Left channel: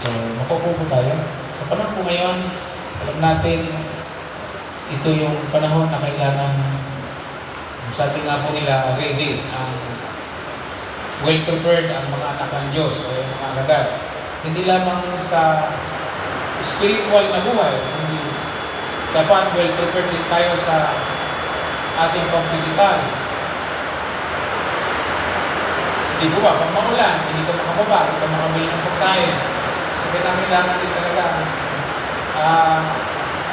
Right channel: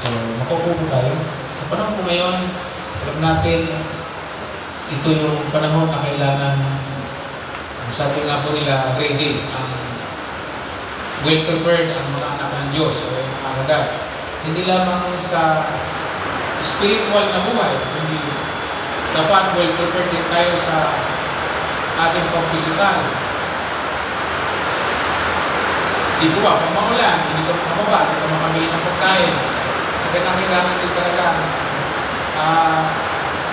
So, makukupo tayo. Sa panahon po ngayon, alam natin, ito yung panahon na kailangan, sabi nga po nila, ready, ang well-prepared ang mga anak ng Diyos o yung mga agad. Hindi lamang sa spiritual na buhay, hindi dapat well-prepared din tayo sa ating pag-physical. Di po ba, pag maulan, hindi ka makababa, hindi ka makabili ng pagkain. So, kailangan din talaga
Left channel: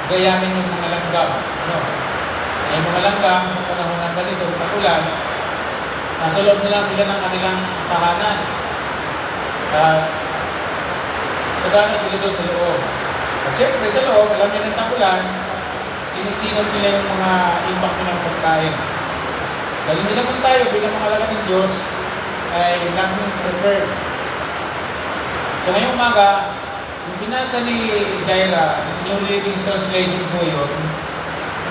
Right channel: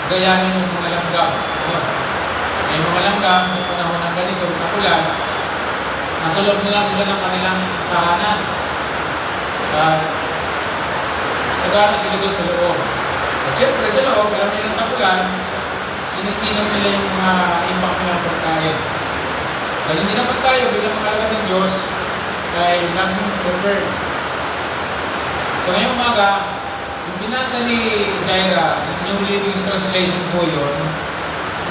gayanin yung mga langgam. Yung mga langgam, sa panahon ng ganito, takulan, nasa loob nila sila ng kanilang tahanan. Sagana sila doon sa loob. At siyempre sa loob, alam nila ng takulan, sinisinag nila yung mga impact nilang pagkain. Dahil hindi naman tayo, bilang mga alaga ng Diyos, ay naging prepared. So ngayong umaga, yung binasa ni Jaira, New Living Translation po yun,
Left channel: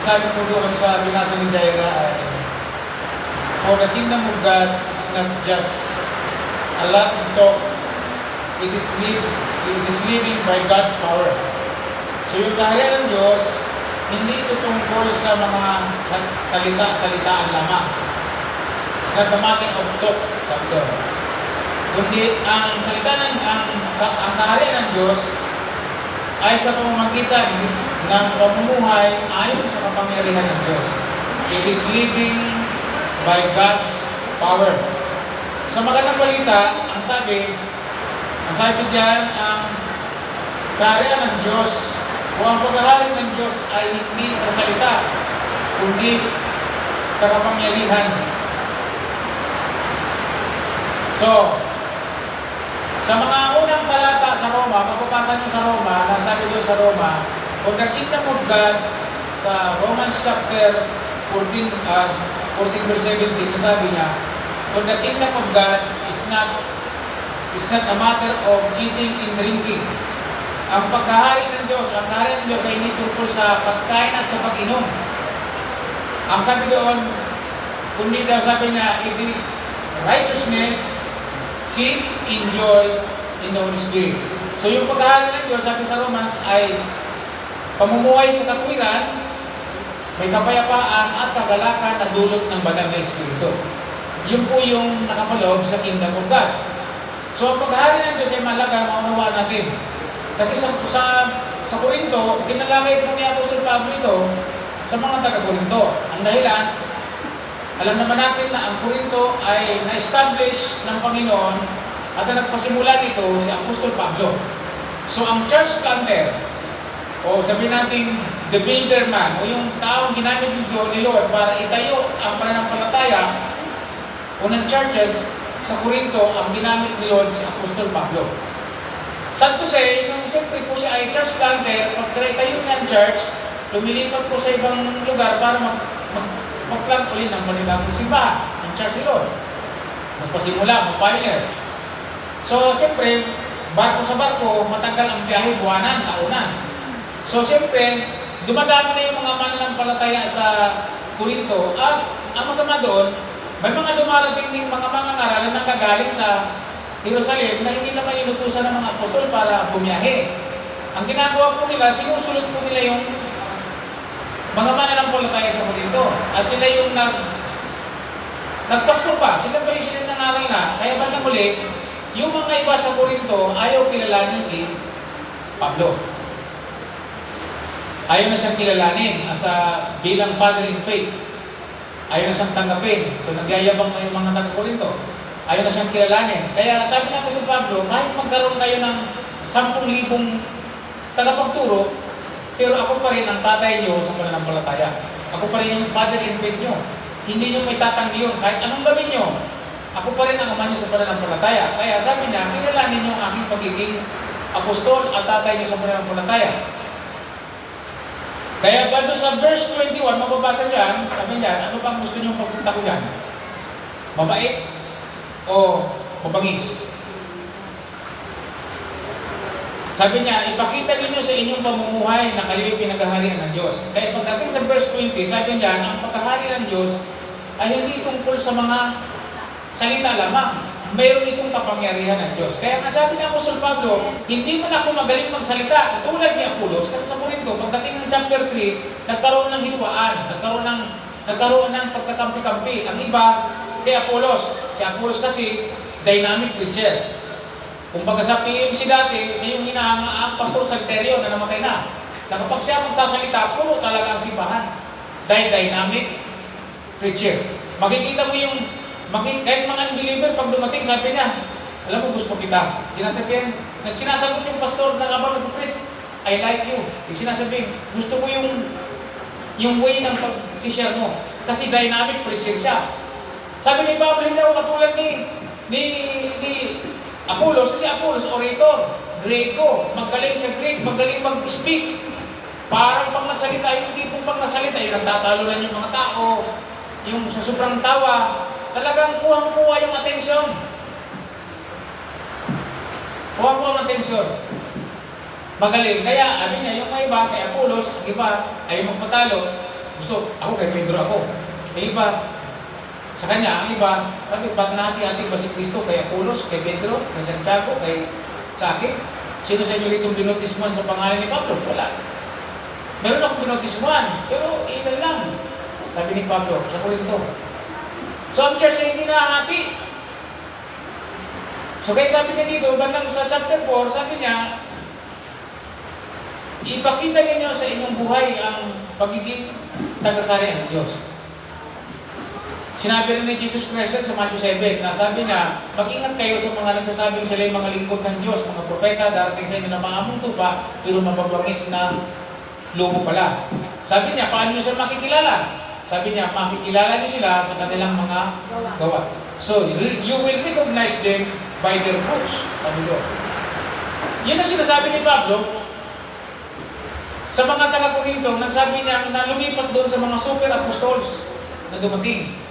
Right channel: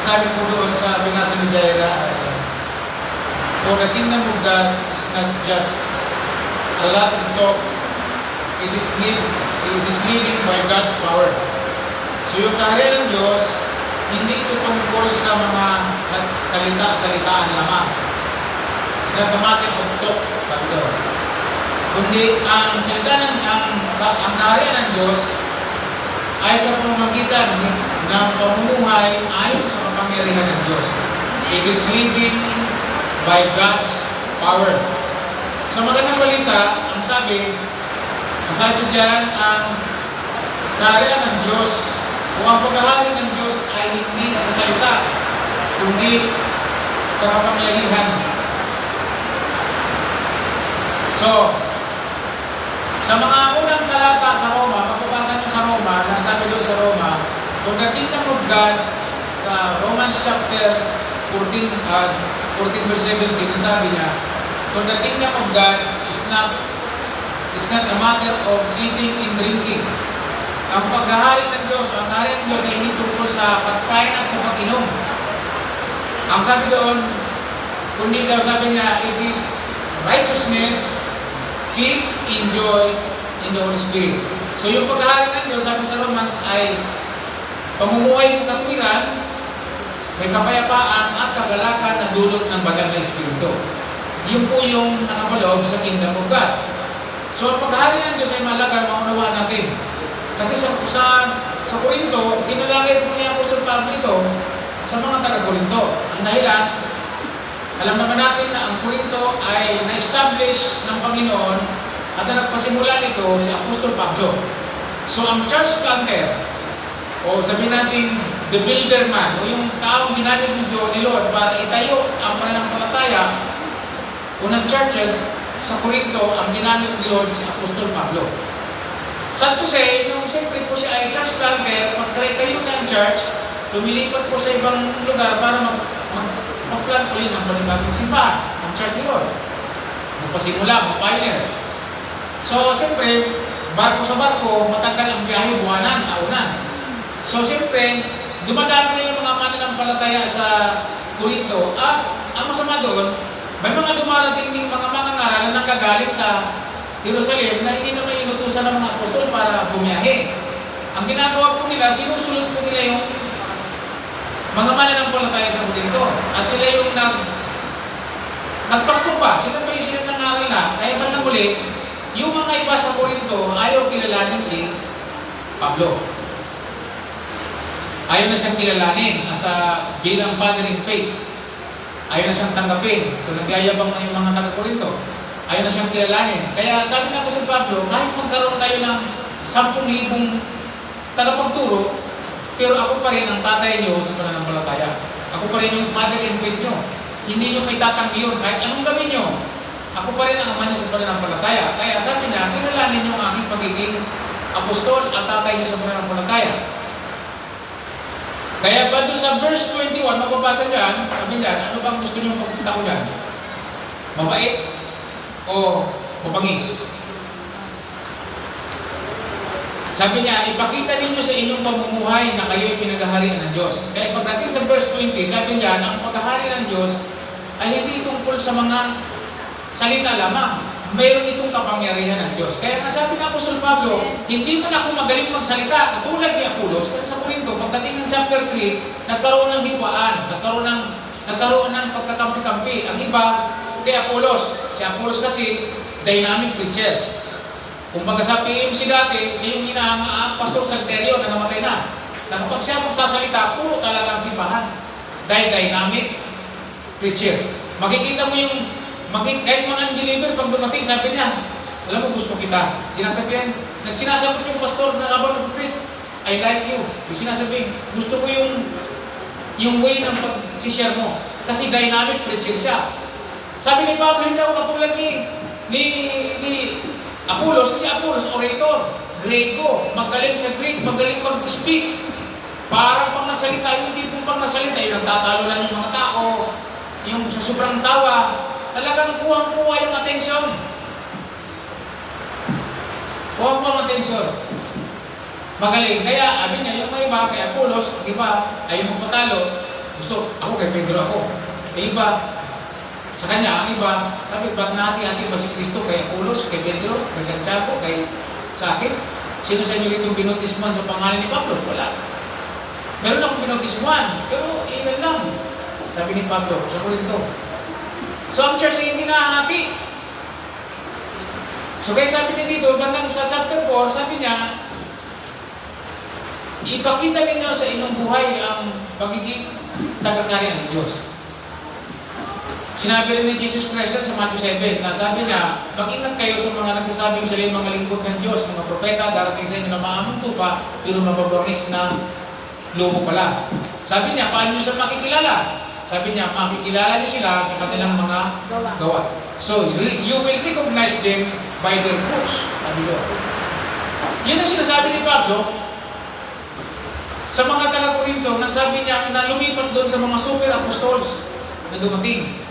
sabi po doon sa binasa ni Jaira ay, for the kingdom of God is not just a lot of talk, it is living by God's power. So yung kaharian ng Diyos, hindi ito tungkol sa mga salitaan lamang. It's not a matter of talk, kundi ang salita ng ang kaharian ng Diyos ay sa pamamagitan ng pamumuhay ayon sa kapangyarihan ng Diyos. It is living by God's power. Sa magandang balita, ang sabi diyan, ang kaharian ng Diyos o ang paghahari ng Diyos ay hindi sa salita, kundi sa kapangyarihan. So, sa mga unang talata sa Roma, kapapasa nyo sa Roma, nasabi doon sa Roma, for the kingdom of God, sa Romans chapter 14 verse 17, nasabi niya, for the kingdom of God is not a matter of eating and drinking. Ang paghahari ng Diyos, ang kaharian ng Diyos ay hindi tungkol sa pagkain at sa pag-inom. Ang sabi doon, kundi daw sabi niya, it is righteousness, peace, and joy in the Holy Spirit. So yung paghahari ng Diyos, sabi sa Romans, ay pamumuhay sa katwiran, may kapayapaan at kagalakan na dulot ng banal na Espiritu. Yun po yung nakapaloob sa kingdom of God. So ang paghahari ng Diyos ay malaga, maunawaan natin. Kasi sa Korinto, dinalagay po niya Apostol Pablo ito sa mga taga-Korinto. Ang dahilan, alam naman natin na ang Korinto ay na-establish ng Panginoon at ang nagpasimula nito si Apostol Pablo. So ang church planter, o sabihin natin the builder man, o yung taong ginamit ni Lord para itayo ang pananampalataya o ng churches sa Korinto, ang ginamit ni Lord si Apostol Pablo. Sad to say, yung siyempre po siya ay church planter, pagkaitayo niya ang church, lumilipat po sa ibang lugar para mag-plant ulit ng panibagong simbahan, ang church ni Lord. Magpasimula, mag-pioneer. So, siyempre, barko sa barko, matagal ang biyahe, buwanan, taunan. So, siyempre, dumadami na yung mga mananampalataya sa Korinto. At ang masama doon, may mga dumarating din mga mangangaral na nagagaling sa Jerusalem na hindi na may inutusan ng mga apostol para bumiyahe. Ang ginagawa po nila, sinusulot po nila yung mga mananampalataya sa Korinto. At sila yung nagpasto pa. Sila pa yung sila nangaral na. Kaya bandang huli, yung mga iba sa Korinto, ayaw kilalanin si Pablo. Ayaw na siyang kilalanin bilang father in faith. Ayaw na siyang tanggapin. So nagyayabang na yung mga taga-Korinto. Ayaw na siyang kilalanin. Kaya sabi nga po si Pablo, kahit magkaroon kayo ng 10,000 tagapagturo, pero ako pa rin ang tatay niyo sa pananampalataya. Ako pa rin yung father in faith niyo. Hindi niyo may tatanggi yun. Kahit anong gawin niyo, ako pa rin ang ama niyo sa pananampalataya. Kaya sabi niya, kilalanin niyo ang aking pagiging apostol at tatay niyo sa pananampalataya. Kaya ba doon sa verse 21, mababasa dyan, sabi niya, ano bang gusto niyo pagpunta ko dyan? Mabait o mabangis? Sabi niya, ipakita ninyo sa inyong pamumuhay na kayo'y pinaghaharian ng Diyos. Kaya pagdating sa verse 20, sabi niya, ang paghahari ng Diyos ay hindi tungkol sa mga salita lamang. mayroon itong kapangyarihan ng Diyos. Kaya nga sabi ng Apostol Pablo, hindi man ako magaling magsalita, tulad ni Apolos, kasi sa Corinto, pagdating ng chapter 3, nagkaroon ng hitwaan, nagkaroon ng pagkakampi-kampi. Ang iba, kay Apolos. Si Apolos kasi, dynamic preacher. Kung baga sa PMC dati, siya yung ang Pastor Salterio na namatay na. Na kapag siya magsasalita, puro talaga ang simbahan. Dahil dynamic preacher. Makikita mo yung kahit mga unbeliever, pag dumating, sabi niya, alam mo, gusto kita. Sinasagot yung pastor na habang nag-preach, I like you. Yung sinasabi, gusto ko yung way ng pag-share mo. Kasi dynamic preacher siya. Sabi ni Pablo, hindi ako katulad ni Apolos, kasi Apolos, orator, Greco, magaling sa Greek, magaling mag-speak. Parang pag nasalita, yung tipong pag nasalita, yung nagtatalo lang yung mga tao, yung sa sobrang tawa, talagang kuhang-kuha yung atensyon. Kuhang-kuha ang atensyon. Magaling. Kaya, sabi niya, yung may iba, kay Apolos, ang iba, ay magpatalo. Gusto, ako kay Pedro ako. Kay iba, sa kanya, ang iba, sabi, ba't nahati-hati ba si Kristo kay Apolos, kay Pedro, kay Santiago, sa akin? Sino sa inyo rito binotismuhan sa pangalan ni Pablo? Wala. Meron akong binotismuhan, pero ilan lang. Sabi ni Pablo, sa Corinto. So, ang church ay hindi nahati. So, kaya sabi niya dito, bandang sa chapter 4, sabi niya, ipakita ninyo sa inyong buhay ang pagiging tagakarian ng Diyos. Sinabi rin ni Jesus Christ sa Matthew 7, na sabi niya, mag-ingat kayo sa mga nagsasabing sila yung mga lingkod ng Diyos, mga propeta, darating sa inyo na maamong tupa, pero mababangis na lumo pala. Sabi niya, paano nyo siya makikilala? Sabi niya, makikilala niyo sila sa kanilang mga gawa. So, you will recognize them by their fruits. Sabi niyo. Yun ang sinasabi ni Pablo sa mga taga-Corinto, nagsabi niya na lumipat doon sa mga super apostles na dumating.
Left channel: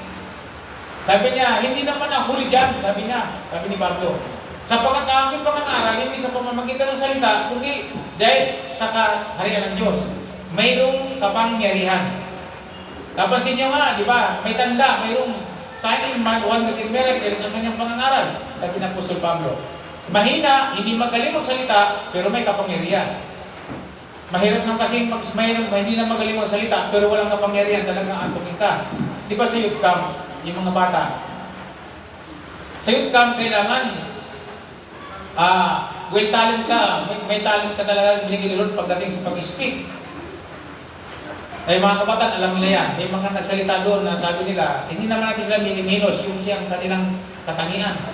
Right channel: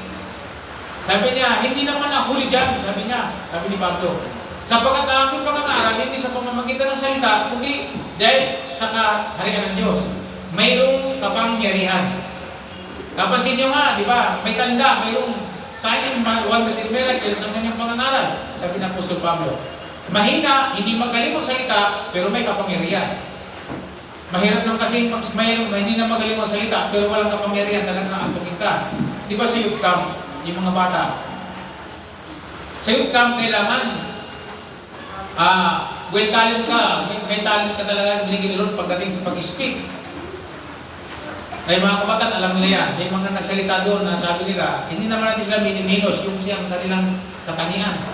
Sabi niya, hindi naman ako huli dyan, sabi niya, sabi ni Pablo. Sapagkat ang aking pangangaral, hindi sa pamamagitan ng salita, kundi dahil sa kaharian ng Diyos. Mayroong kapangyarihan. Napansin nyo nga, di ba? May tanda, mayroong sign, wonders and miracles sa kanyang pangangaral. Sabi ng Apostol Pablo. Mahina, hindi magaling magsalita, pero may kapangyarihan. Mahirap lang kasi hindi na magaling magsalita, pero walang kapangyarihan, talagang antukin ka. Di ba sa youth camp, yung mga bata? Sa youth camp, kailangan well talent ka, may talent ka talaga binigyan ni Lord pagdating sa pag-speak. Ay mga kabataan, alam nila yan. May mga nagsalita doon na sabi nila, hindi naman natin sila miniminos yung siyang kanilang katangian.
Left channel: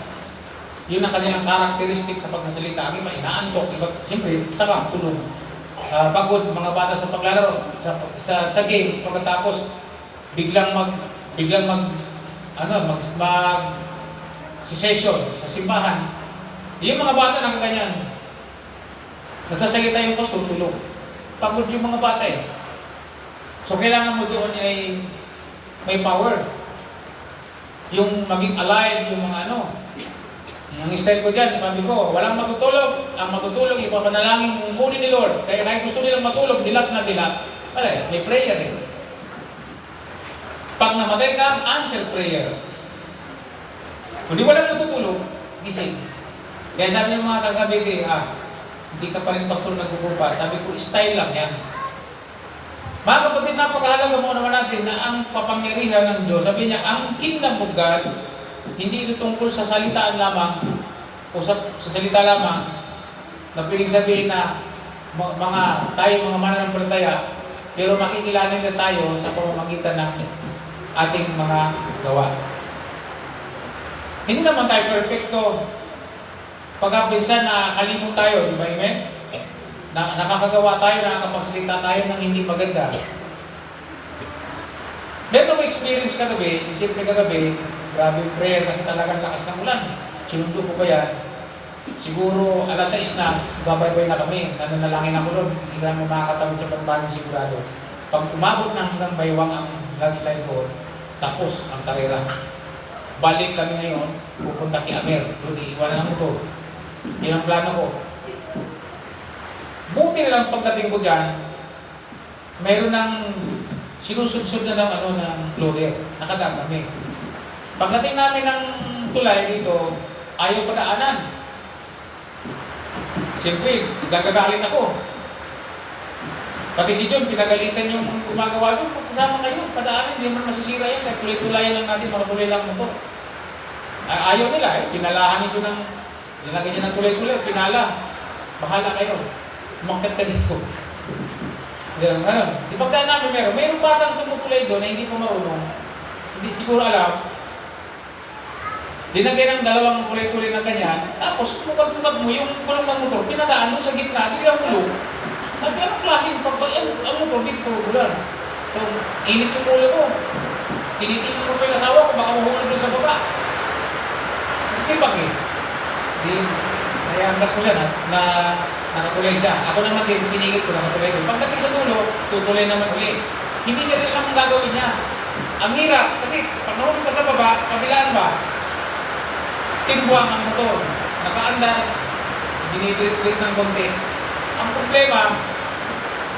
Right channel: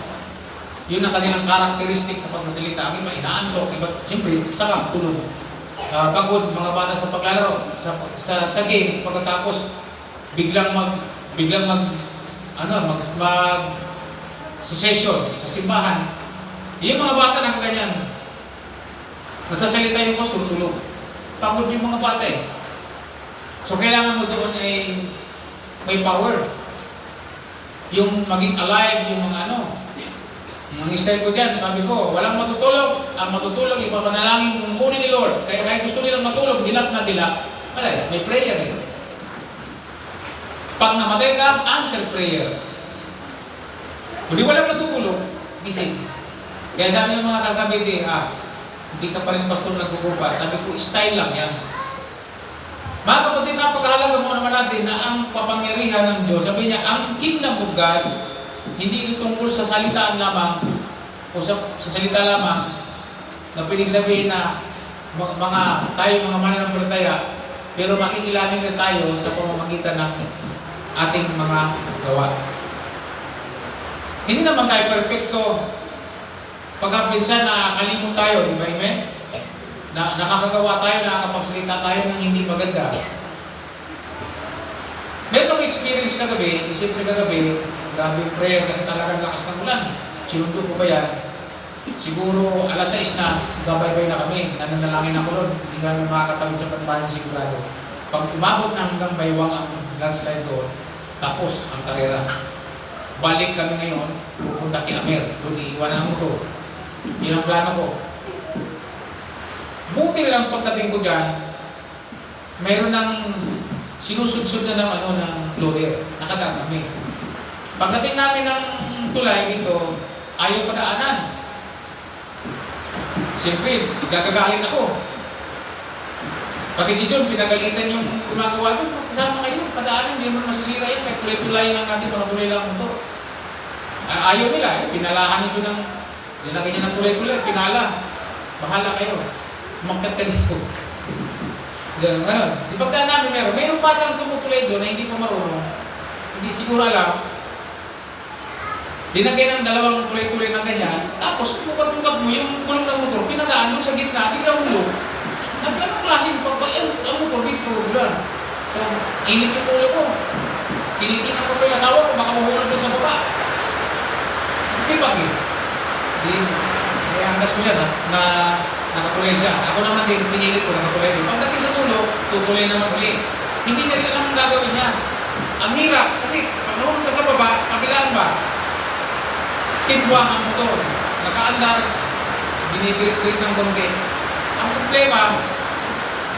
Yun ang kanilang karakteristik sa pagsasalita. Ang iba, inaantok. Iba, siyempre, sakang, tulog. Pagod, mga bata sa paglalaro, sa games, pagkatapos, biglang session sa simbahan. Yung mga bata nakaganyan. Magsasalita yung pastor, tulog. Pagod yung mga bata eh. So, kailangan mo doon ay may power. Yung maging alive, yung mga Ang style ko dyan, sabi ko, walang matutulog. Ang matutulog, ipapanalangin kung kunin ni Lord. Kaya kahit gusto nilang matulog, dilap na dilap. Wala, may prayer eh. Pag namatay ka, answer prayer. Kung di walang natutulog, gising. Kaya sabi ng mga taga-Cavite, hindi ka pa rin pastor nagkukupa. Sabi ko, style lang yan. Mga kapatid, napakahalaga mo naman natin na ang kapangyarihan ng Diyos, sabi niya, ang kingdom of God, hindi ito tungkol sa salitaan lamang, o sa salita lamang, na piling sabihin na tayo mga mananampalataya, pero makikilala na tayo sa pamamagitan ng ating mga gawa. Hindi naman tayo perfecto. Pagka minsan nakalimot tayo, di ba, amen? Nakakagawa tayo, nakakapagsalita tayo ng hindi maganda. Meron may experience kagabi, siyempre kagabi, grabe yung prayer kasi talagang lakas ng ulan. Sinundo ko ba yan? Siguro alas 6 na, babay-bay na kami, nananalangin ako doon, hindi nga makakatawid sa panbahan sigurado. Pag umabot na hanggang baywang ang landslide ko, tapos ang karera. Balik kami ngayon, pupunta kay Amer, doon iiwanan ko. Yan ang plano ko. Buti lang pagdating ko dyan, mayroon ng sinusudsod na ng loader. Nakadaan kami. Pagdating namin ng tulay dito, ayaw padaanan. Siyempre, gagagalit ako. Pati si John, pinagalitan yung gumagawa doon, magkasama kayo, padaanan, hindi naman masisira yan, tuloy-tulayan lang natin, makatuloy lang mo to. Ayaw nila pinalahan nito ng, nilagay niya ng tuloy-tuloy, pinala. Bahala kayo, umakyat ka dito. Ganun. Di pagdaan namin meron batang tumutuloy doon na hindi po marunong, hindi siguro alam, dinagay ng dalawang tuloy-tuloy na ganyan, tapos tumukat-tukat mo yung gulong ng motor, pinalaan mo sa gitna, biglang hulog. Sabi, anong klaseng pagbayan? Ang motor, dito pulugulan. So, init yung ulo ko. Tinitingnan ko pa yung asawa ko, baka mahulog doon sa baba. Tibag eh. Kaya angkas ko siya na nakatuloy siya. Ako naman din, pinilit ko, nakatuloy din. Pagdating sa dulo, tutuloy naman ulit. Hindi na rin lang ang gagawin niya. Ang hirap, kasi pag nahulog ka sa baba, kabilaan ba? Tibuang ang motor. Nakaandar, binipilit-pilit ng konti. Ang problema,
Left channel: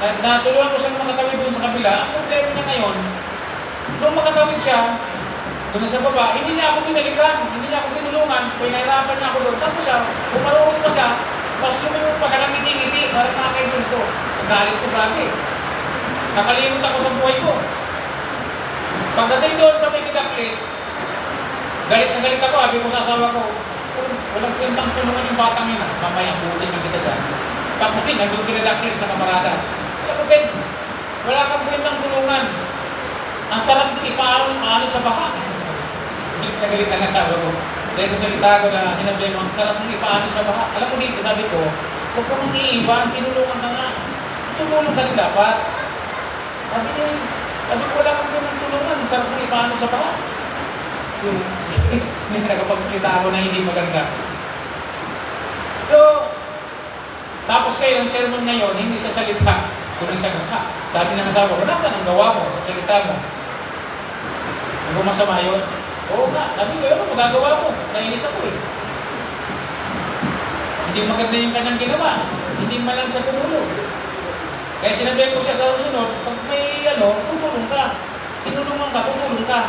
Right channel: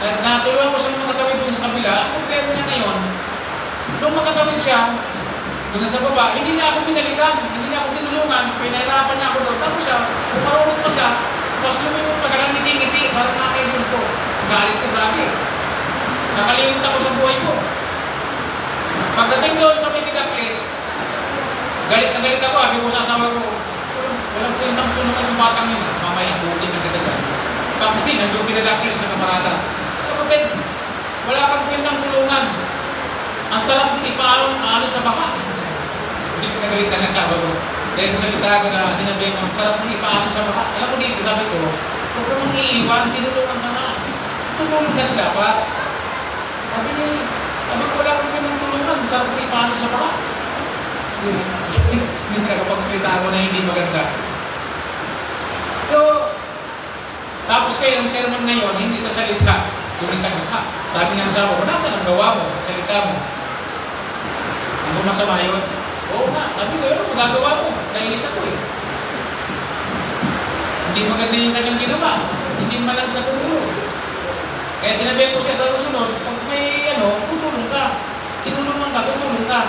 natulungan ko siyang makatawid dun sa kabila. Ang problema niya ngayon, nung makatawid siya, kung nasa baba, hindi niya ako pinalikan, hindi niya ako tinulungan, pinahirapan niya ako doon. Tapos siya, pumarunod pa siya, tapos lumingon pa kaya ngiti-ngiti, parang nakakaisip ko. Galit ko, grabe. Nakalimut ako sa buhay ko. Pagdating doon sa Megida Place, galit na galit ako, sabi ko sa asawa ko, walang kwentang tulungan yung batang yun. Mamaya, bukin na kita dyan. Pagdating, nandun Megida Place na kamarada. Alam mo, Ben, wala kang kwentang tulungan. Ang sarap ipaalon sa baka. Hindi ko nagalitan na sabi ko. Dahil sa salita ko na sinabi ko, ang sarap mong ipaalon sa baka. Alam ko dito, sabi ko, huwag ka mong iiwan, tinulungan ka nga. Tumulong ka na dapat. Sabi ko, wala kang kwentang tulungan, ang sarap mong ipaalon sa baka. Hindi nagpagsalita ako na hindi maganda. So, tapos kayo, ang sermon ngayon, hindi sa salita, tumisang ka. Sabi ng asawa ko, nasaan ang gawa mo, salita mo? Ano masama yun? Oo na, sabi ko, ano magagawa mo? Nainis ako eh. Hindi maganda yung kanyang ginawa. Hindi man lang siya tumulong. Kaya sinabi ko siya sa susunod, pag may tutulong ka. Tinulungan ka, tutulong ka.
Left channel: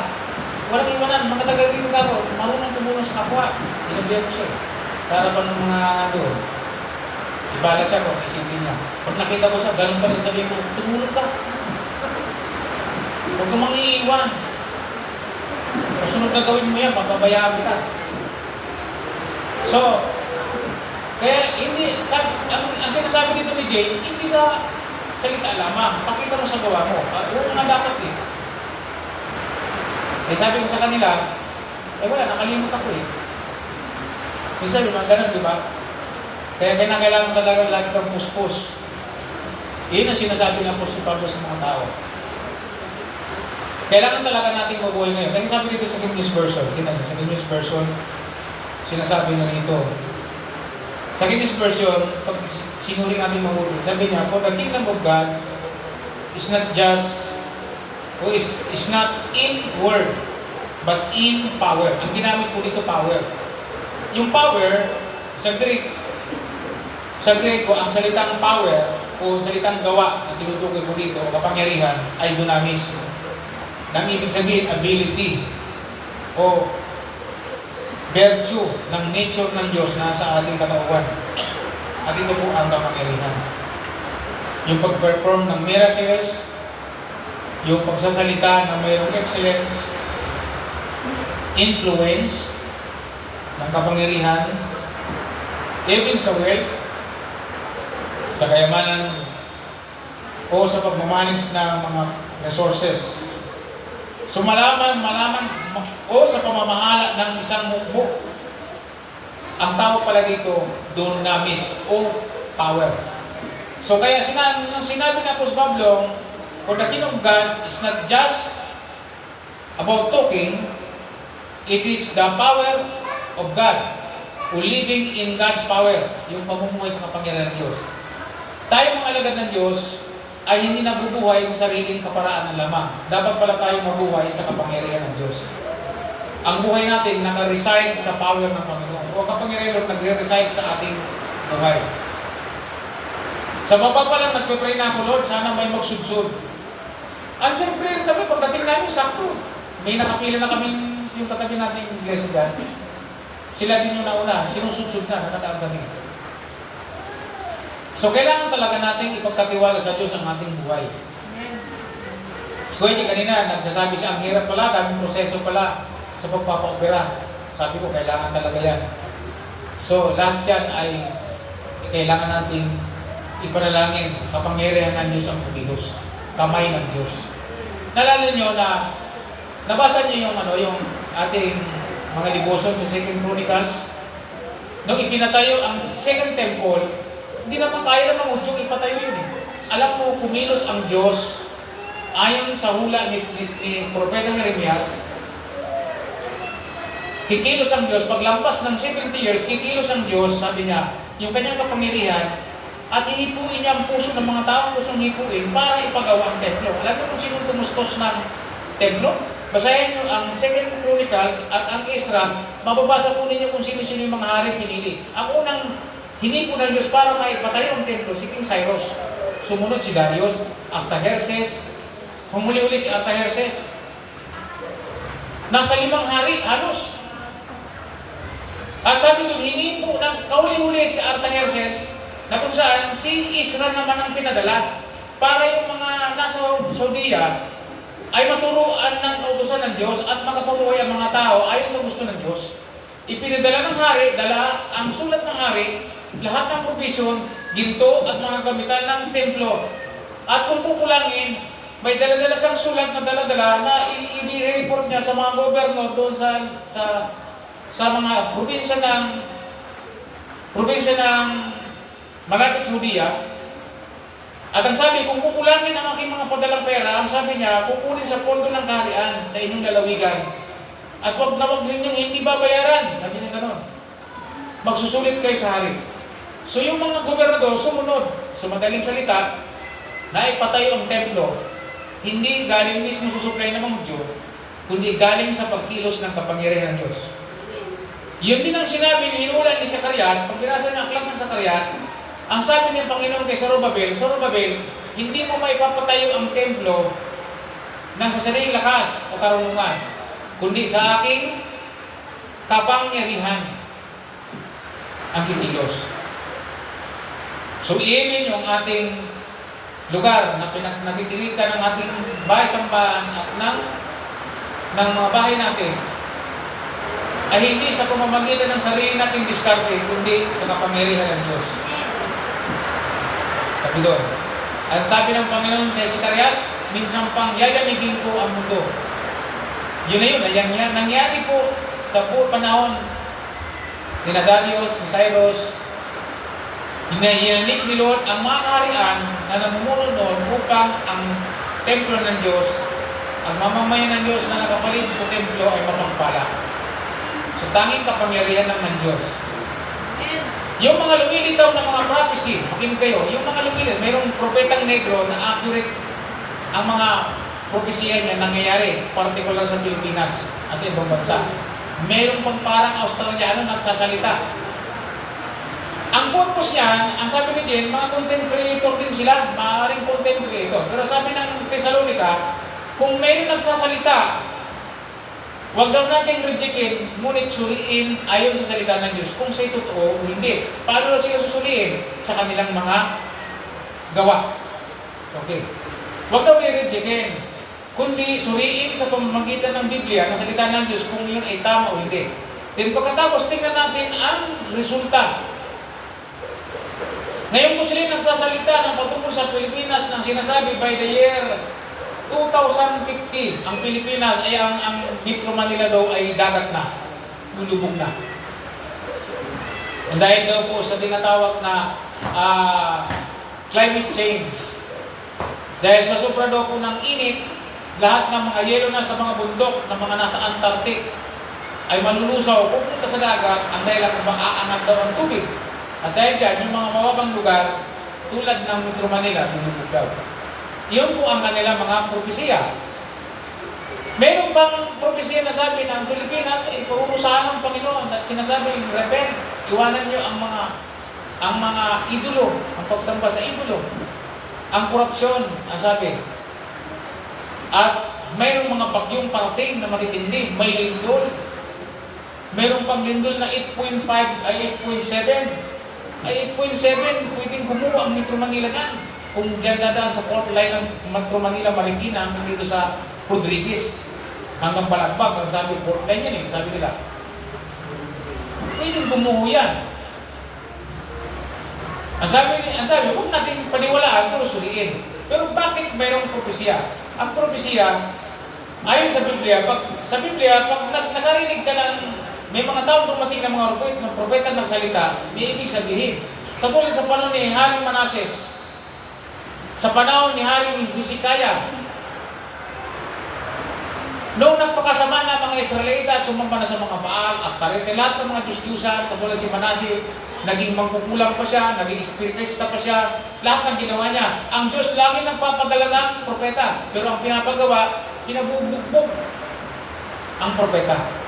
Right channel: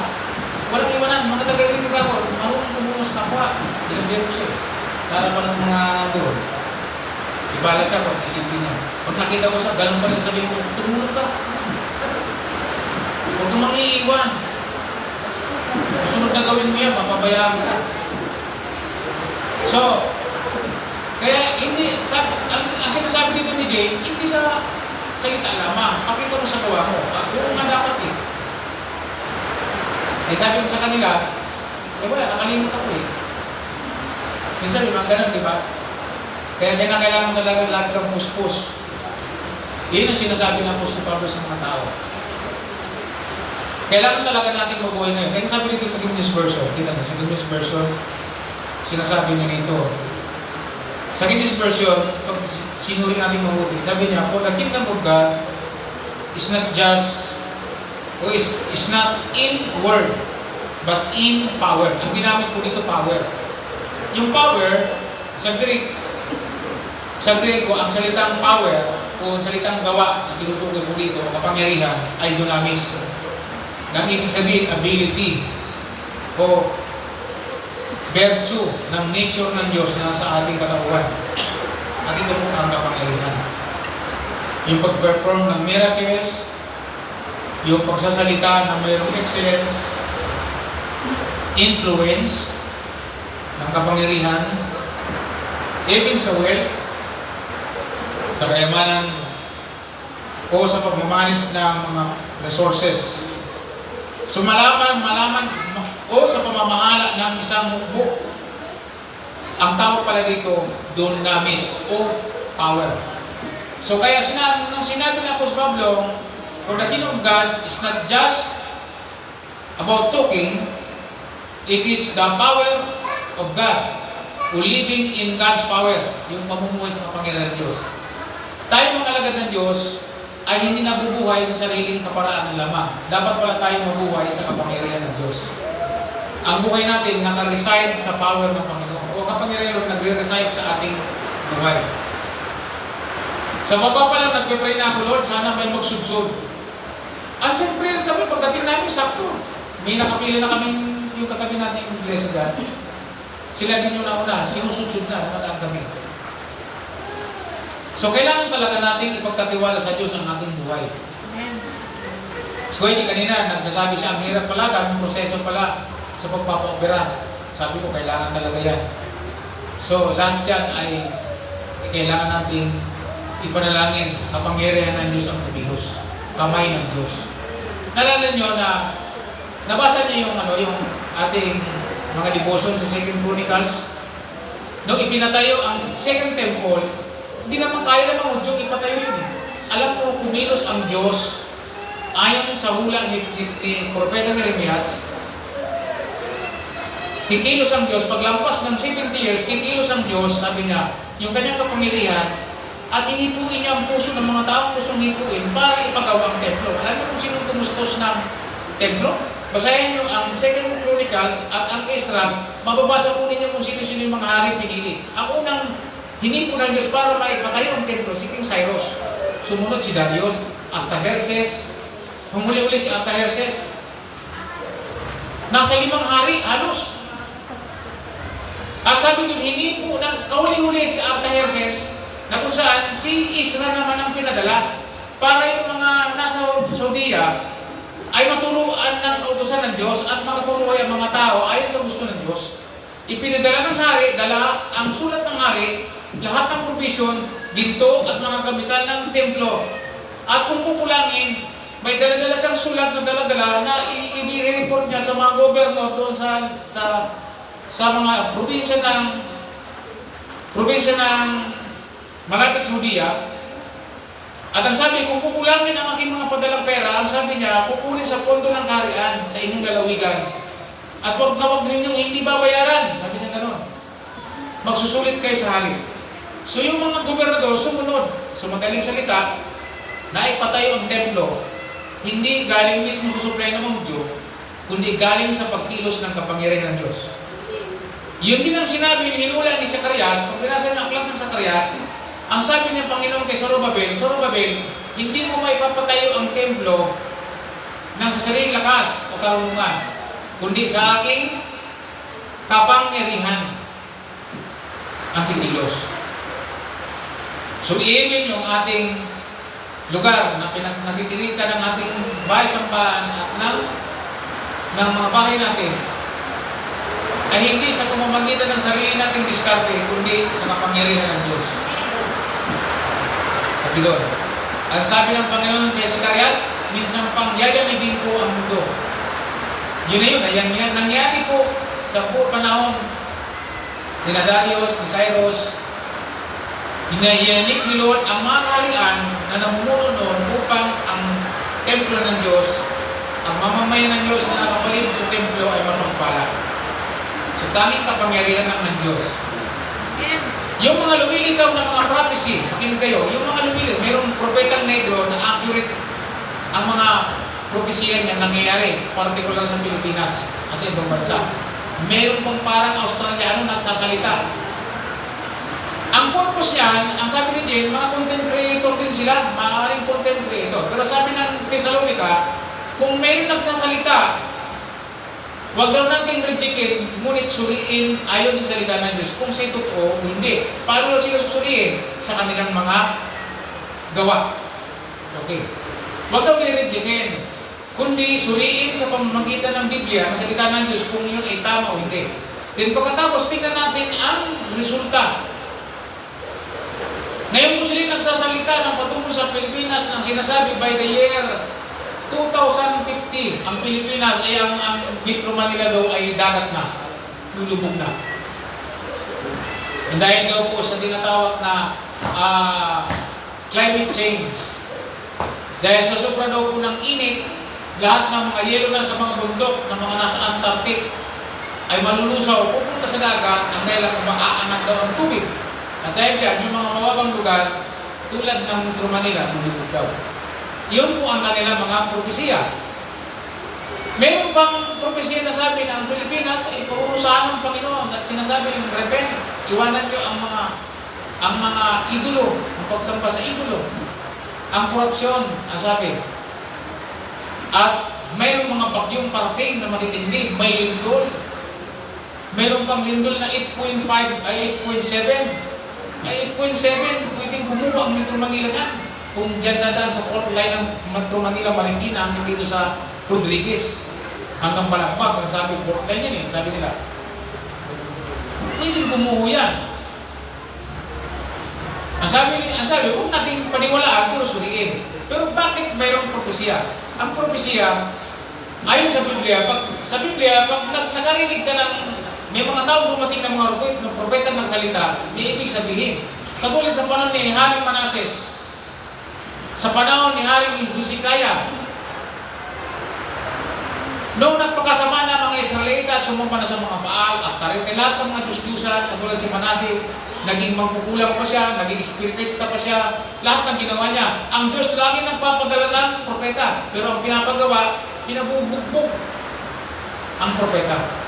Walang iwanan, mga tagalogin ka ako, marunong tumulong sa kapwa. Dinagyan ko siya. Para pa ng mga doon. Ibala siya kung isipin niya. Pag nakita ko siya, ganun pa rin sabihin ko, tumulong ka. Huwag mo mang iiwan. Sunod na gawin mo yan, mapabayaan ka. So, kaya hindi, ang sinasabi dito ni Jay, hindi sa salita lamang. Pakita mo sa gawa mo. Oo nga dapat eh. Eh sabi ko sa kanila, wala, nakalimot ako eh. Minsan, yung ganun, di ba? Kaya kailangan talaga lagi kang puspos. Yun ang sinasabi ng Apostol Pablo sa mga tao. Kailangan talaga natin mabuhay ngayon. Kaya sabi dito sa King James Version, kita mo, sa King James Version, sinasabi na nito. Sa King James Version, pag sinuri natin mabuti, sabi niya, for the kingdom of God is not just, o is not in word, but in power. Ang ginamit ko dito, power. Yung power, sa Greek ko, ang salitang power o salitang gawa na tinutukoy ko dito, kapangyarihan, ay dunamis. Nang ibig sabihin, ability o virtue ng nature ng Diyos na sa ating katawan. At ito po ang kapangyarihan. Yung pag-perform ng miracles, yung pagsasalita ng mayroong excellence, influence ng kapangyarihan, even sa wealth, sa kayamanan, o sa pagmamanage ng mga resources. So malaman, o sa pamamahala ng isang mukbo. Ang tawag pala dito, dunamis o power. So kaya nung sinabi ng Apostol Pablo, for the kingdom of God is not just about talking, it is the power of God, o living in God's power, yung pamumuhay sa kapangyarihan ng Diyos. Tayo mga alagad ng Diyos ay hindi nabubuhay sa sariling kaparaan ng lamang. Dapat pala tayo mabuhay sa kapangyarihan ng Diyos. Ang buhay natin naka-reside sa power ng Panginoon. O kapangyarihan nagre-reside sa ating buhay. Sa baba pa lang nagpe-pray na ako, Lord, sana may magsubsub. Answer prayer kami, pagdating namin, sakto. May nakapila na kami yung katabi natin yung iglesia dyan. Sila din yung nauna, sinusudsud na, nakataang kami. So, kailangan talaga nating ipagkatiwala sa Diyos ang ating buhay. So, hindi kanina, nagsasabi siya, ang hirap pala, daming proseso pala sa pagpapaopera. Sabi ko, kailangan talaga yan. So, lahat yan ay kailangan nating ipanalangin, kapangyarihan ng Diyos ang pumihos. Kamay ng Diyos. Nalala nyo na, nabasa niyo yung ating mga devotion sa 2 Chronicles? Nung ipinatayo ang Second Temple, hindi naman kaya namang udyong ipatayo yun eh. Alam mo, kumilos ang Diyos ayon sa hula ni Propeta Jeremias. Kikilos ang Diyos, paglampas ng 70 years, kikilos ang Diyos, sabi niya, yung kanyang kapangyarihan, at ihipuin niya ang puso ng mga taong gustong hipuin para ipagawa ang templo. Alam mo kung sino tumustos ng templo? Basahin niyo ang 2 Chronicles at ang Ezra, mababasa po ninyo kung sino-sino yung mga hari pinili. Ang unang hinipo ng Diyos para maipatayo ang templo, si King Cyrus. Sumunod si Darius, Artaxerxes, humuli-uli si Artaxerxes. Nasa 5 hari, halos. At sabi doon, hinipo ng kauli-uli si Artaxerxes, na kung saan si Ezra naman ang pinadala para yung mga nasa Saudiya ay maturuan ng kautusan ng Diyos at makapuluhay ang mga tao ayon sa gusto ng Diyos. Ipinadala ng hari, dala ang sulat ng hari, lahat ng provision, ginto at mga gamitan ng templo. At kung kukulangin, may dala-dala siyang sulat na dala-dala na i-report niya sa mga gobernador doon sa mga probinsya ng malapit sa Saudiya. At ang sabi, kung kukulangin ang aking mga padalang pera, ang sabi niya, kukunin sa pondo ng kaharian sa inyong lalawigan. At wag na wag ninyong hindi babayaran. Sabi niya gano'n. Magsusulit kayo sa hari. So yung mga gobernador sumunod. So magaling salita, na ipatayo ang templo, hindi galing mismo sa supply ng mga Diyos, kundi galing sa pagkilos ng kapangyarihan ng Diyos. Yun din ang sinabi ni hinula ni Zacarias, pag binasa niya ang aklat ng Zacarias, ang sabi ng Panginoon kay Zorobabel, hindi mo maipapatayo ang templo ng sa sariling lakas o karunungan, kundi sa aking kapangyarihan ang kikilos. So, iimin yung ating lugar na nakikirita ng ating bahay-sambahan at ng mga bahay natin ay hindi sa pamamagitan ng sarili nating diskarte, kundi sa kapangyarihan ng Diyos. Sabi doon. At sabi ng Panginoon kay Zacarias, minsan pang yayamithin ko ang mundo. Yun na yun. Nangyari po sa buong panahon ni Darius, ni Cyrus, hinahiyanik ni Lord ang mga kaharian na namumuno noon upang ang templo ng Diyos, ang mamamayan ng Diyos na nakapaligid sa templo ay mapagpala. So, tanging kapangyarihan ng Diyos. Yung mga lumilitaw na mga prophecy, makinig kayo, yung mga lumilitaw, mayroong propetang negro na accurate ang mga propesya niya nangyayari, particular sa Pilipinas at sa ibang bansa. Mayroong pang parang Australiano nagsasalita. Ang purpose niyan, ang sabi ni Jen, mga content creator din sila, maaaring content creator. Pero sabi ng Thessalonica, kung mayroong nagsasalita, huwag daw natin rejectin, ngunit suriin ayon sa salita ng Diyos kung sa'y totoo o hindi. Paano sila susuriin? Sa kanilang mga gawa. Okay. Huwag daw i-rejectin, kundi suriin sa pamamagitan ng Biblia, ng salita ng Diyos kung yun ay tama o hindi. Then pagkatapos, tingnan natin ang resulta. Ngayon po sila nagsasalita ng patungkol sa Pilipinas ng sinasabi by the year 2050, ang Pilipinas ay ang Metro Manila daw ay dagat na, lulubog na. And dahil daw po sa tinatawag na climate change, dahil sa sobra daw po ng init, lahat ng mga yelo na sa mga bundok, ng mga nasa Antarctic, ay malulusaw, pupunta sa dagat, ang dahil kung maaangat daw ang tubig. At dahil dyan, yung mga mababang lugar, tulad ng Metro Manila, lulubog daw. Yun po ang kanilang mga propesiya. Meron bang propesiya na sabi na ang Pilipinas ay parurusahan ng Panginoon at sinasabi ng repent, iwanan nyo ang mga idolo, ang pagsamba sa idolo, ang korupsyon, ang sabi. At mayroong mga bagyong parating na matitindi, may lindol. Meron pang lindol na 8.5 ay 8.7. Ay 8.7, pwedeng kumuha ang Metro Manila na. Kung dyan na daan sa fault line ng Metro Manila, Marikina, hanggang dito sa Rodriguez. Hanggang Balagbag, ang sabi, fault line yan eh, sabi nila. Pwedeng bumuho yan. Ang sabi, huwag natin paniwalaan, pero suriin. Pero bakit mayroong propesya? Ang propesya, ayon sa Biblia, pag nagarinig ka ng may mga tao dumating ng mga propeta ng salita, may ibig sabihin. Katulad sa panahon ni Haring Manases, sa panahon ni Haring Hezekiah, noong nagpakasama na mga Israelita at sumamba na sa mga Baal, Astarete, lahat ng mga Diyos-Diyusan, katulad si Manases, naging mangkukulang pa siya, naging espiritista pa siya, lahat ng ginawa niya. Ang Diyos lagi nagpapadala ng propeta, pero ang pinapagawa, pinabubugbog ang propeta.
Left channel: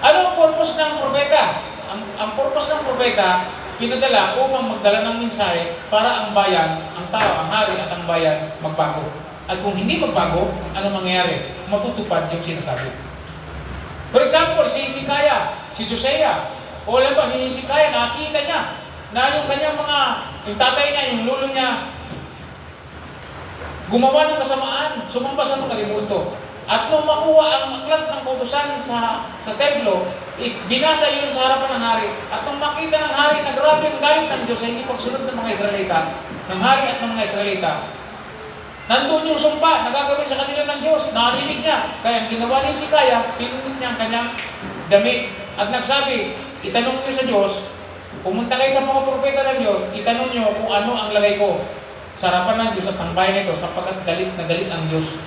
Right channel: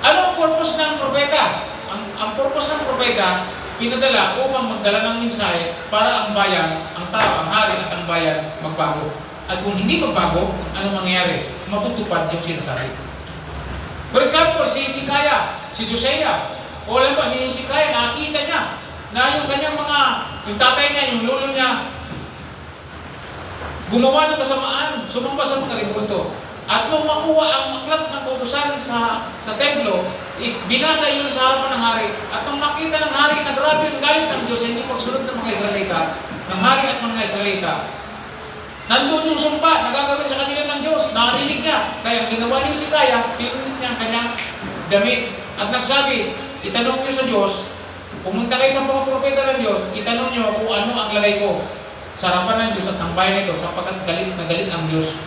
Ano ang purpose ng propeta? Ang purpose ng propeta, pinadala upang magdala ng mensahe para ang bayan, ang tao, ang hari at ang bayan magbago. At kung hindi magbago, ano mangyayari? Matutupad yung sinasabi. For example, si Hezekiah, si Josiah, o alam ba, si Hezekiah, nakita niya na yung kanyang yung tatay niya, yung lolo niya, gumawa ng kasamaan, sumamba sa mga rimulto. At nung makuha ang aklat ng kautusan sa templo, binasa yun sa harapan ng hari. At nung makita ng hari na grabe ang galit ng Diyos, hindi pagsunod ng mga Israelita, ng hari at ng mga Israelita, nandun yung sumpa na gagawin sa kanila ng Diyos, narinig niya. Kaya ang ginawa ni Hezekiah, pinunit niya ang kanyang damit. At nagsabi, itanong niyo sa Diyos, pumunta kayo sa mga propeta ng Diyos, itanong niyo kung ano ang lagay ko sa harapan ng Diyos at ang bayan nito, sapagkat galit na galit ang Diyos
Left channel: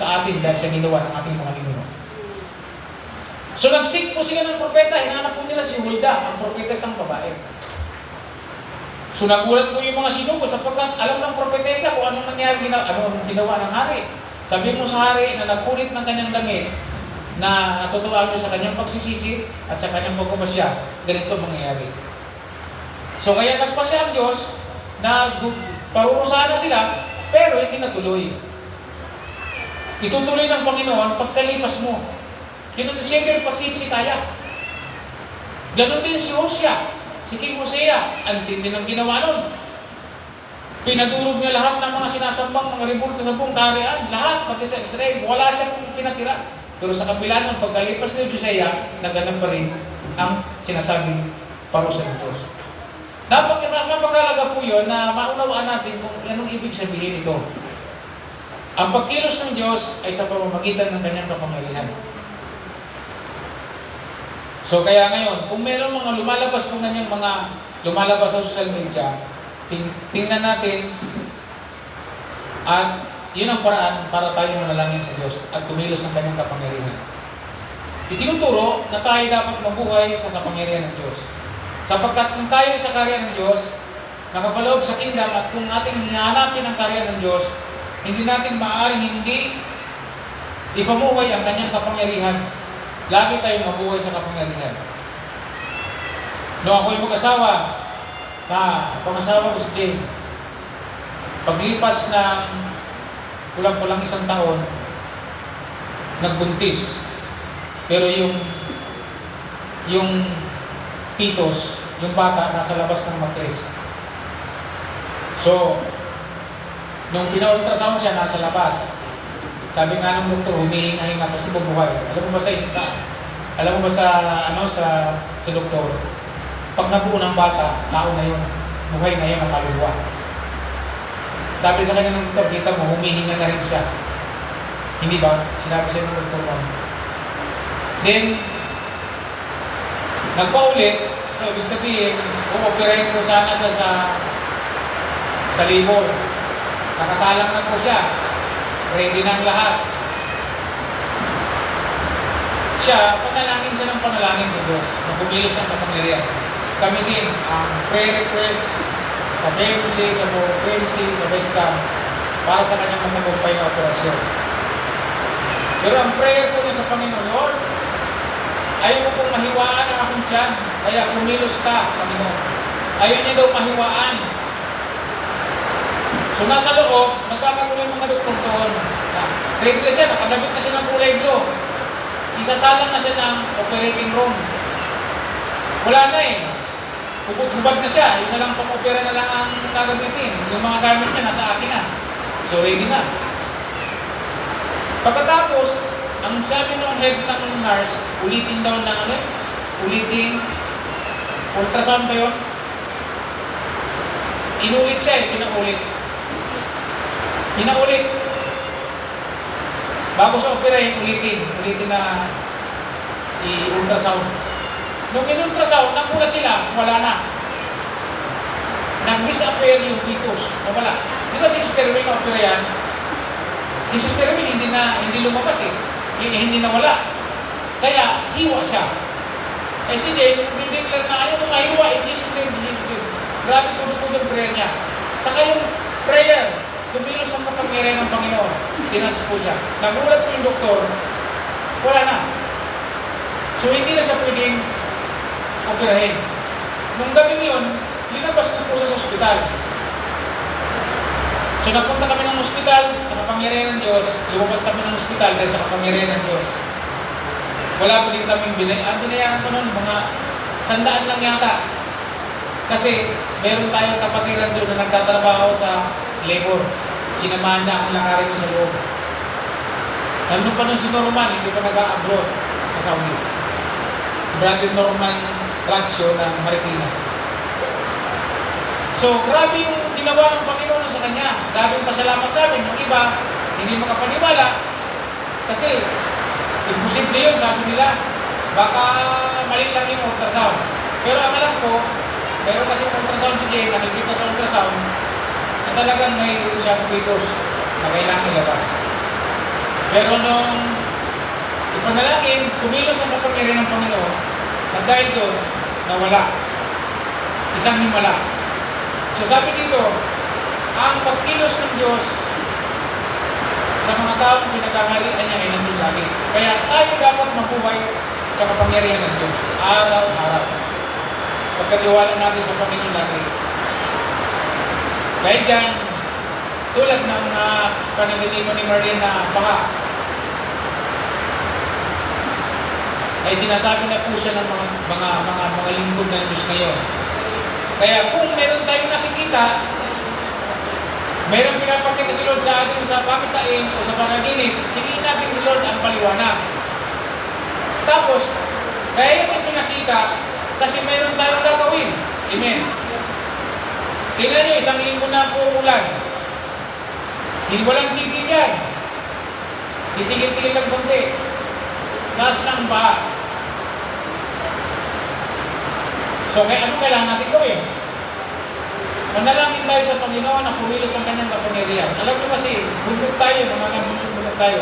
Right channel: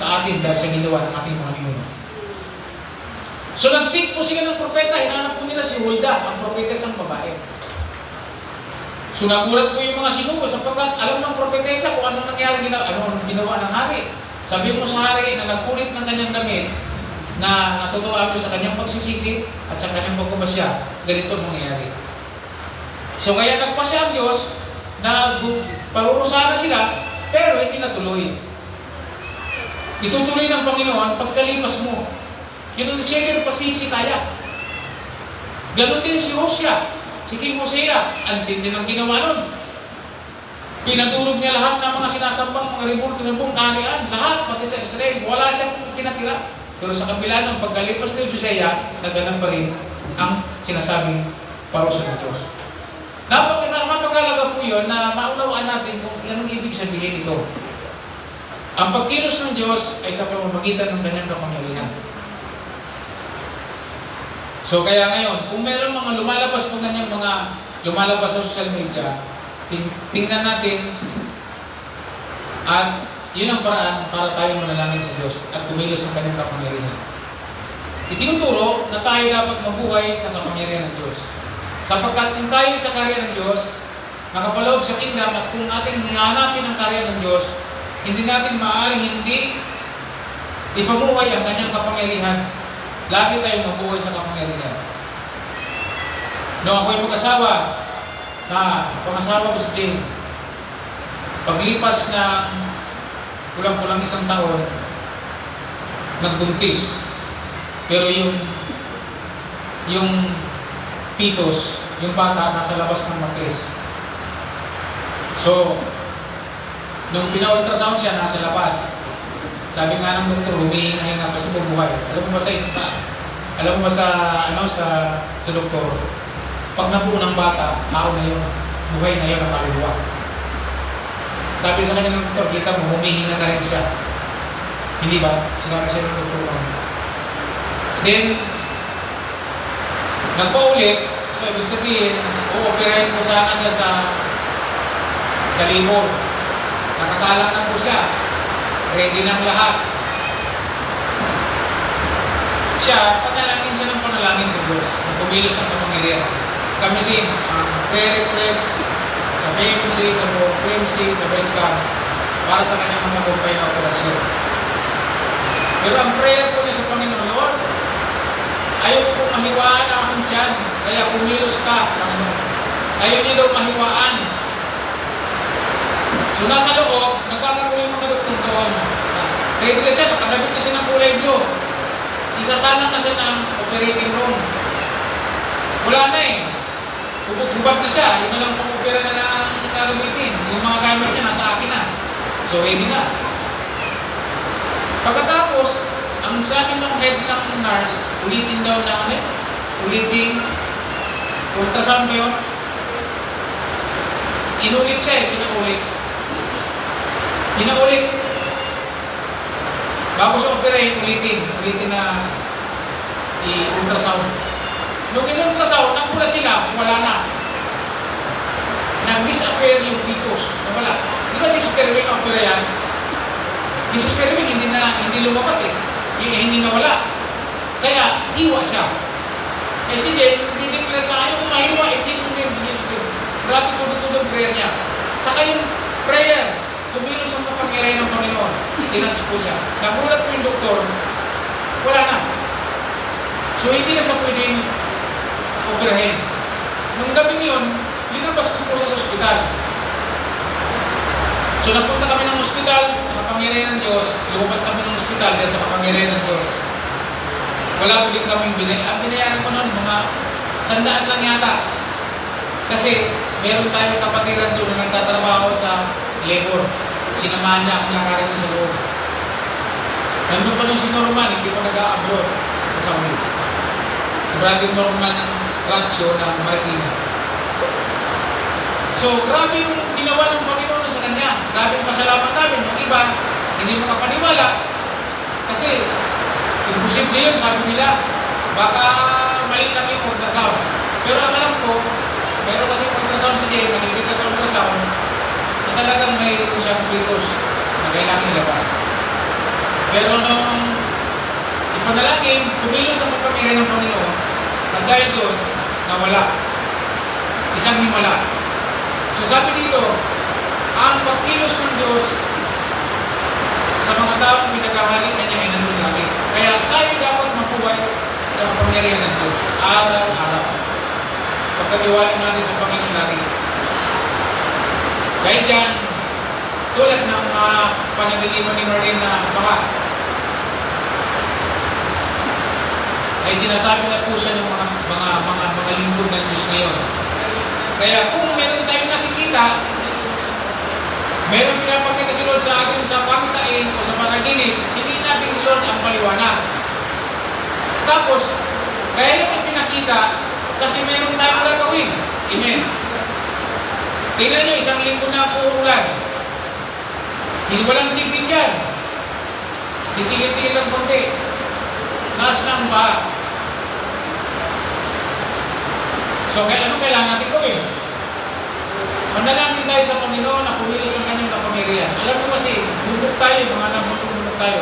sa atin dahil sa ginawa ng ating mga ninuno. So nag-seek po sila ng propeta, hinanap po nila si Hulda, ang propeta isang babae. So nagulat po yung mga sinugo sapagkat alam ng propetesa kung anong nangyari, ano ginawa ng hari. Sabi mo sa hari na nagkulit ng kanyang damit na natutuwa mo sa kanyang pagsisisi at sa kanyang pagpapasya, ganito mangyayari. So kaya nagpasya ang Diyos na parurusahan na sila, pero hindi natuloy. Itutuloy ng Panginoon pagkalipas mo. Yun siya din pa si Hezekiah. Ganon din si Hosea, si King Hosea. Ang tindi ng ginawa nun. Pinadurog niya lahat ng mga sinasambang, mga rebulto sa buong kaharian. Lahat, pati sa Israel. Wala siyang kinatira. Pero sa kabila ng pagkalipas ni Hosea, naganap pa rin ang sinasabing parusa ng Diyos. Napakalaga po yun na maunawaan natin kung anong ibig sabihin ito. Ang pagkilos ng Diyos ay sa pamamagitan ng kanyang kapangyarihan. So kaya ngayon, kung mayroong mga lumalabas kung ganyang mga lumalabas sa social media, tingnan natin at yun ang paraan para tayo manalangin sa Diyos at kumilos ang kanyang kapangyarihan. Itinuturo na tayo dapat mabuhay sa kapangyarihan ng Diyos. Sapagkat kung tayo sa karya ng Diyos, nakapaloob sa kingdom at kung ating hinahanapin ang karya ng Diyos, hindi natin maaaring hindi ipamuhay ang kanyang kapangyarihan. Lagi tayong mabuhay sa kapangyarihan. Noong ako'y mag-asawa, pangasawa ko si Jane, paglipas ng kulang-kulang isang taon, nagbuntis. Pero yung fetus, yung bata, nasa labas ng matris. So, nung pina-ultrasound siya, nasa labas. Sabi nga ng doktor, humihinga-hinga kasi bubuhay. Alam mo ba sa doktor, pag nabuo ng bata, tao na yun, buhay na yun ang kaluluwa. Sabi sa kanya ng doktor, kita mo, humihinga na rin siya. Hindi ba? Sinabi siya ng doktor mo. Then, nagpaulit, so ibig sabihin, operahin mo sana siya sa libor. Nakasalang na po siya. Ready na ang lahat. Siya, panalangin siya ng panalangin sa Diyos. Kumilos ng kapangyarihan. Kami din, prayer request sa PMC, sa PMC, sa Westcam, para sa kanyang matagumpay na operasyon. Pero ang prayer ko niya sa Panginoon, Lord, ayaw ko pong mahiwaan ang akong tiyan, kaya kumilos ka, Panginoon. Ayaw niyo daw mahiwaan. So nasa loob, nagkakagulo yung mga doktor doon. Ready na siya, nakadabit na siya ng kulay blue. isasalang na siya ng operating room. Wala na eh. Hubad na siya. Yun na lang pang-opera na lang ang gagamitin. Yung mga gamit niya nasa akin na. So ready na. Pagkatapos, ang sabi ng head ng nurse, ulitin daw na kami. Ulitin. Ultrasound ba yun? Inulit siya eh. Pinaulit. Bago sa operahin, ulitin. Ulitin na i-ultrasound. Nung in-ultrasound, nakuha sila, wala na. Nag-disappear yung fetus. Wala. Di ba si Sister Wing opera yan? Si Sister Wing hindi lumabas eh. Hindi nawala. Kaya, hiwa siya. Eh si Jane, dideclare na ayaw kung mahiwa, i-discipline. Grabe tulog-tulog prayer niya. Saka yung prayer, tumilos ang kapangyarihan ng Panginoon. Tinas po siya. Nagulat po yung doktor, wala na. So hindi na siya pwedeng operahin. Nung gabi yun, linabas ko po sa ospital. So nagpunta kami ng ospital, sa kapangyarihan ng Diyos, lumabas kami ng ospital dahil sa kapangyarihan ng Diyos. Wala ulit kaming binayaran. Ang binayaran ko nun, mga 100 lang yata. Kasi meron tayong kapatiran doon na nagtatrabaho sa labor. Sinamahan niya akong lakarin sa loob. Nandun pa nung si Norman, hindi pa nag-a-abroad sa Saudi. Brother Norman Ratio ng Marikina. So, grabe yung ginawa ng Panginoon sa kanya. Grabe yung pasalamat namin. Yung iba, hindi makapaniwala. Kasi, imposible yun, sabi nila. Baka mali lang yung ultrasound. Pero ang alam ko, meron kasi yung ultrasound si Jay, nakikita sa ultrasound, na talagang may siyang fetus na kailangan ilabas. Pero nung ipanalangin, kumilos ang pagpapakiri ng Panginoon, at dahil doon, nawala. Isang himala. So sabi dito, ang pagkilos ng Diyos sa mga taong pinagkahalikan niya ay nandun lagi. Kaya tayo dapat mabuhay sa kapangyarihan ng Diyos. Araw-araw. Pagkatiwala natin sa Panginoon lagi. Dahil dyan, tulad ng panagaliman ni Marlene na baka, ay sinasabi na po siya ng mga lingkod ng Diyos ngayon. Kaya kung meron tayong nakikita, meron pinapakita si Lord sa atin sa pakitain o sa panaginip, hindi natin si Lord ang paliwanag. Tapos, kaya yung pinakita, kasi meron tayong gagawin. Amen. Tingnan nyo, isang linggo na po ulan. Hindi walang tigil yan. Titigil-tigil ng konti. Taas ng baha. So, ano kailangan natin gawin? Manalangin tayo sa Panginoon na kumilos ang kanyang kapangyarihan. Alam mo kasi, bubog tayo, mga nabubog tayo.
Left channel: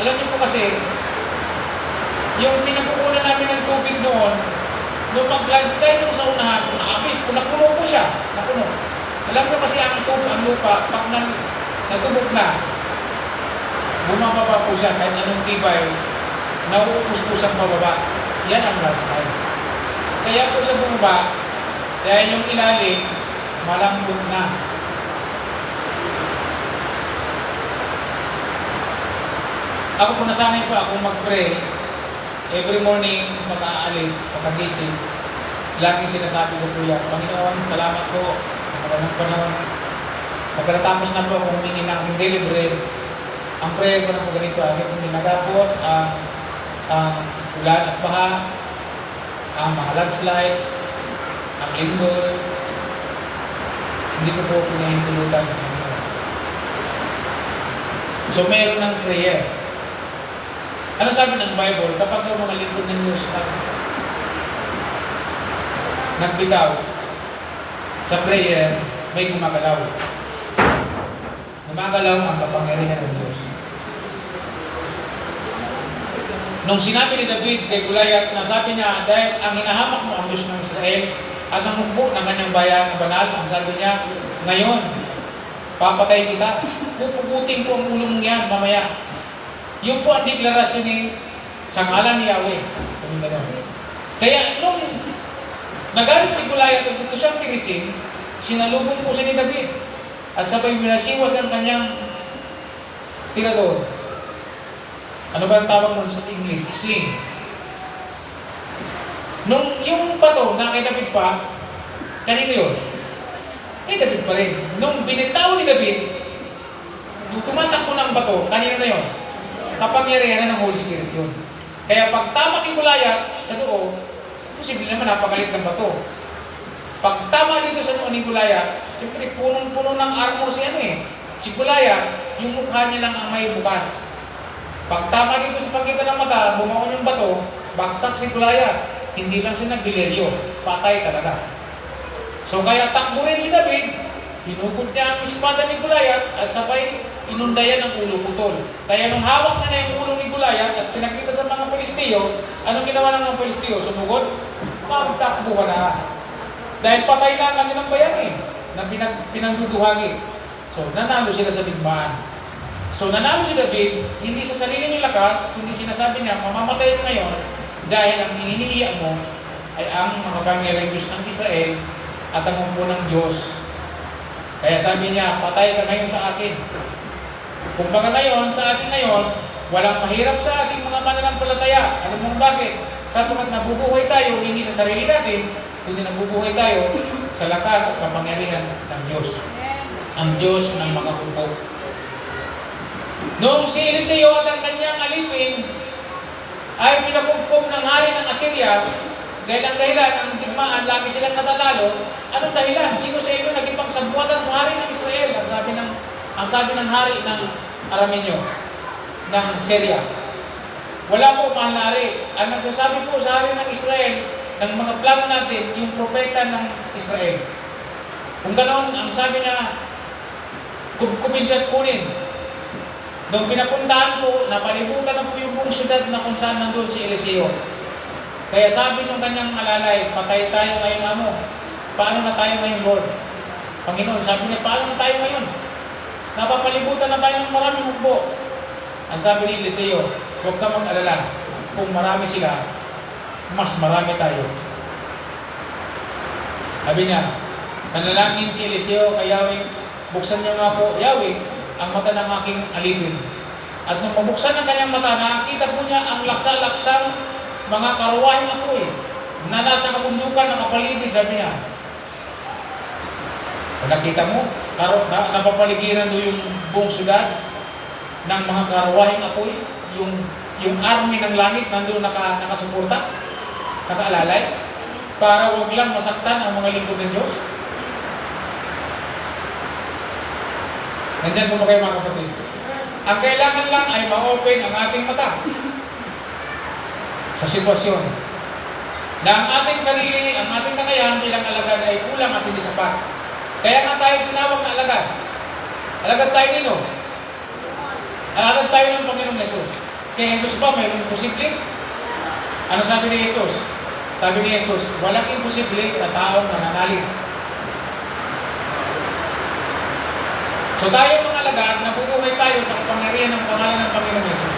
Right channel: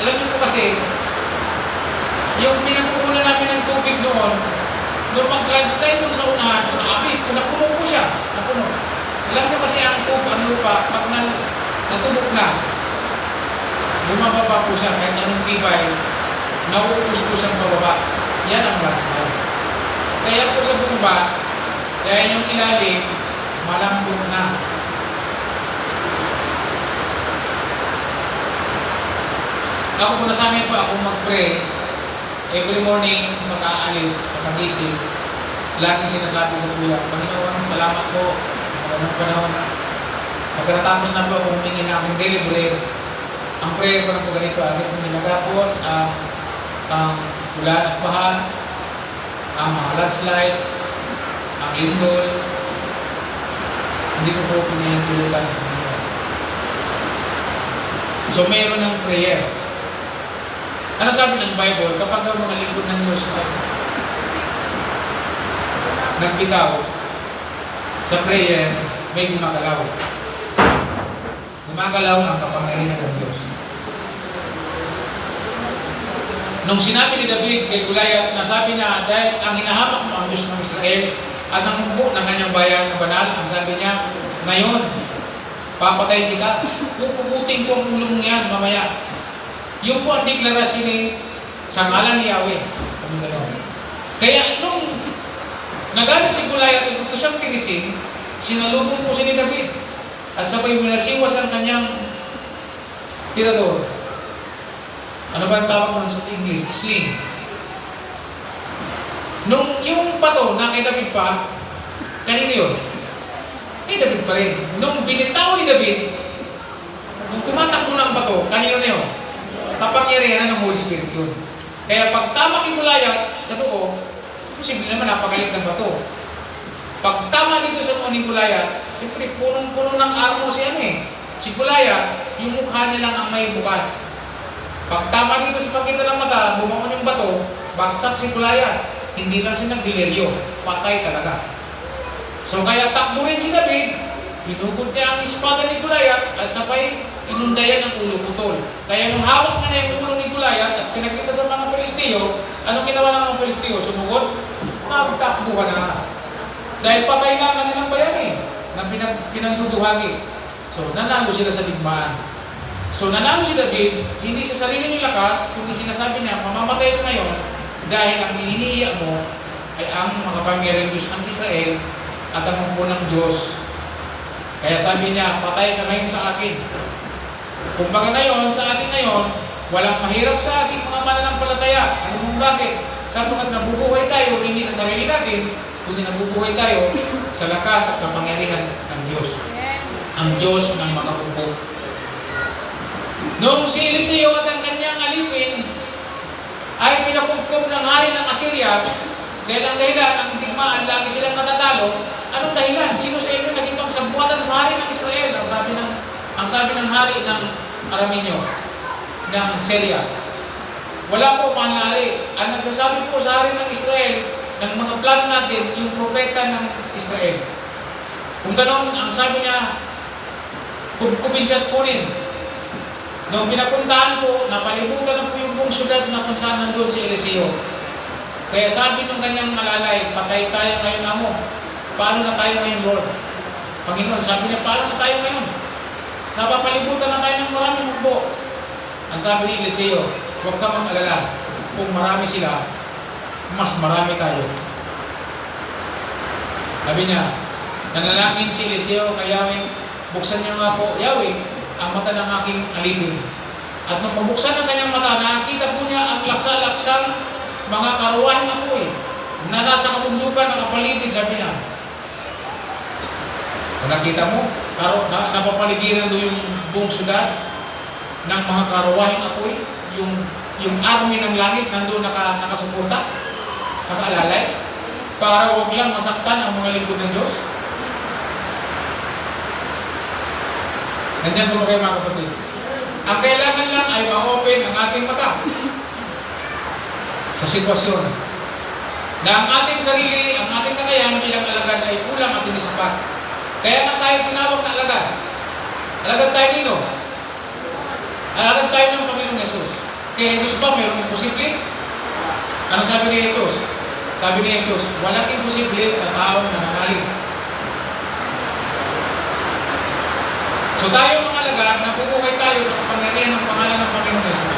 Alam mo po kasi, yung pinagkukunan namin ng tubig noon, nung mag-landslide nung sa unahan, napuno po siya. Napuno. Alam mo kasi ang lupa, pag natubog na, bumababa po siya, kahit anong tibay, nauubos po siyang bababa. Yan ang landslide. Kaya po sa bumaba, dahil yung ilalim, malambot na. Ako kung nasanay pa ako mag-pray, every morning, pag-aalis, pag-agising, laging sinasabi ko po yan, Panginoon, salamat po, magandang panahon. Magkatapos na po kung hingin na aking daily bread, ang prayer ko na po ganito, agad kong ginagapos, ang ulan at baha, ang mga landslide, ang lindol, hindi ko po pinahintulutan. So, mayroon ng prayer. Ano sabi ng Bible? Kapag daw mga lingkod ng Diyos nagbitaw sa prayer, may gumagalaw. Gumagalaw ang kapangyarihan ng Diyos. Nung sinabi ni David kay Goliath, na sabi niya, dahil ang hinahamak mo ang Diyos ng Israel at ang hukbo ng kanyang bayan na banal, ang sabi niya, ngayon, papatay kita, pupugutin ko ang ulong yan mamaya. Yung po ang deklarasyon ni sa ngalan ni Yahweh. Kaya nung nagalit si Goliath at gusto siyang tirisin, sinalubong po siya ni David at sabay minasiwas ang kanyang tirador. Ano ba ang tawag nun sa English? Sling. Nung yung bato na kay David pa, kanino yun? Kay David pa rin. Nung binitaw ni David, nung tumatakbo ng bato, kanino na yun? Kapangyarihan ng Holy Spirit yun. Kaya pag tama kay Goliath sa noo, posible naman napagalit ng bato. Pag tama dito sa noo ni Goliath, siyempre punong-punong ng armor si si Goliath, yung mukha niya lang ang may bukas. Pag tama dito sa pagitan ng mata, bumaon yung bato, bagsak si Goliath. Hindi lang siya nagdileryo, patay talaga. So kaya takbo rin si David, pinugod niya ang espada ni Goliath at sabay inundayan ang ulo putol. Kaya nung hawak na yung ulo ni Goliath at pinakita sa mga Palestino, anong ginawa ng mga Palestino? Sumugod? Takbo na. Dahil patay na ang kanilang bayan na pinagduduhagi. So nanalo sila sa digmaan. So nanalo si David, hindi sa sariling lakas, kundi sinasabi niya, mamamatay ka ngayon dahil ang hinihiya mo ay ang mga pangyariang Diyos ng Israel at ang umpunang Diyos. Kaya sabi niya, patay ka ngayon sa akin. Kumbaga ngayon, sa atin ngayon, walang mahirap sa ating mga mananampalataya. Ano mong bakit? Sapagkat nabubuhay tayo, hindi sa sarili natin, kundi nabubuhay tayo sa lakas at kapangyarihan ng Diyos. Ang Diyos ng mga pupo. Noong si Eliseo at ang kanyang alipin ay pinakupkup ng hari ng Assyria, dahil ang dahilan, ang digmaan, lagi silang natatalo. Anong dahilan? Sino sa inyo naging pagsabuatan sa hari ng Israel? Ang sabi ng hari ng Araminyo, ng Syria. Wala po, mahal na hari. Ang nagsasabi po sa hari ng Israel, ng mga plano natin, yung propeta ng Israel. Kung ganoon, ang sabi niya, kubkubin siya at kunin. Nung pinapuntahan po, napalimutan na po yung buong syudad na kung saan nandun si Eliseo. Kaya sabi nung kanyang alalay, patay tayo ngayon, amo. Paano na tayo ngayon, Lord? Panginoon, sabi niya, paano na tayo ngayon? Napapalibutan na tayo ng maraming mugbo. Ang sabi ni Eliseo, huwag ka mag-alala. Kung marami sila, mas marami tayo. Sabi niya, nanalangin si Eliseo kay Yahweh, buksan niya nga po, Yahweh, ang mata ng aking alipin. At nung mabuksan ang kanyang mata, nakita po niya ang laksa-laksang mga karuwahing apoy na nasa kabundukan, nakapalibid, sabi niya. Kung nakita mo, napapaligiran doon yung buong syudad ng mga karuwahing apoy, yung army ng langit nandun nakasuporta, nakaalalay, para huwag lang masaktan ang mga lingkod ng Diyos. Nandiyan po ba kayo mga kapatid? Ang kailangan lang ay ma-open ang ating mata sa sitwasyon na ang ating sarili, ang ating kakayahan bilang alagad ay kulang at hindi sapat. Kaya nga tayo tinawag na alagad. Alagad tayo nino. Alagad tayo ng Panginoong Jesus. Kaya Jesus ba mayroong imposible? Ano sabi ni Jesus? Sabi ni Jesus, walang imposible sa taong nananalig. So tayo mga alagad, nabubuhay tayo sa kapangyarihan ng pangalan ng Panginoong Jesus.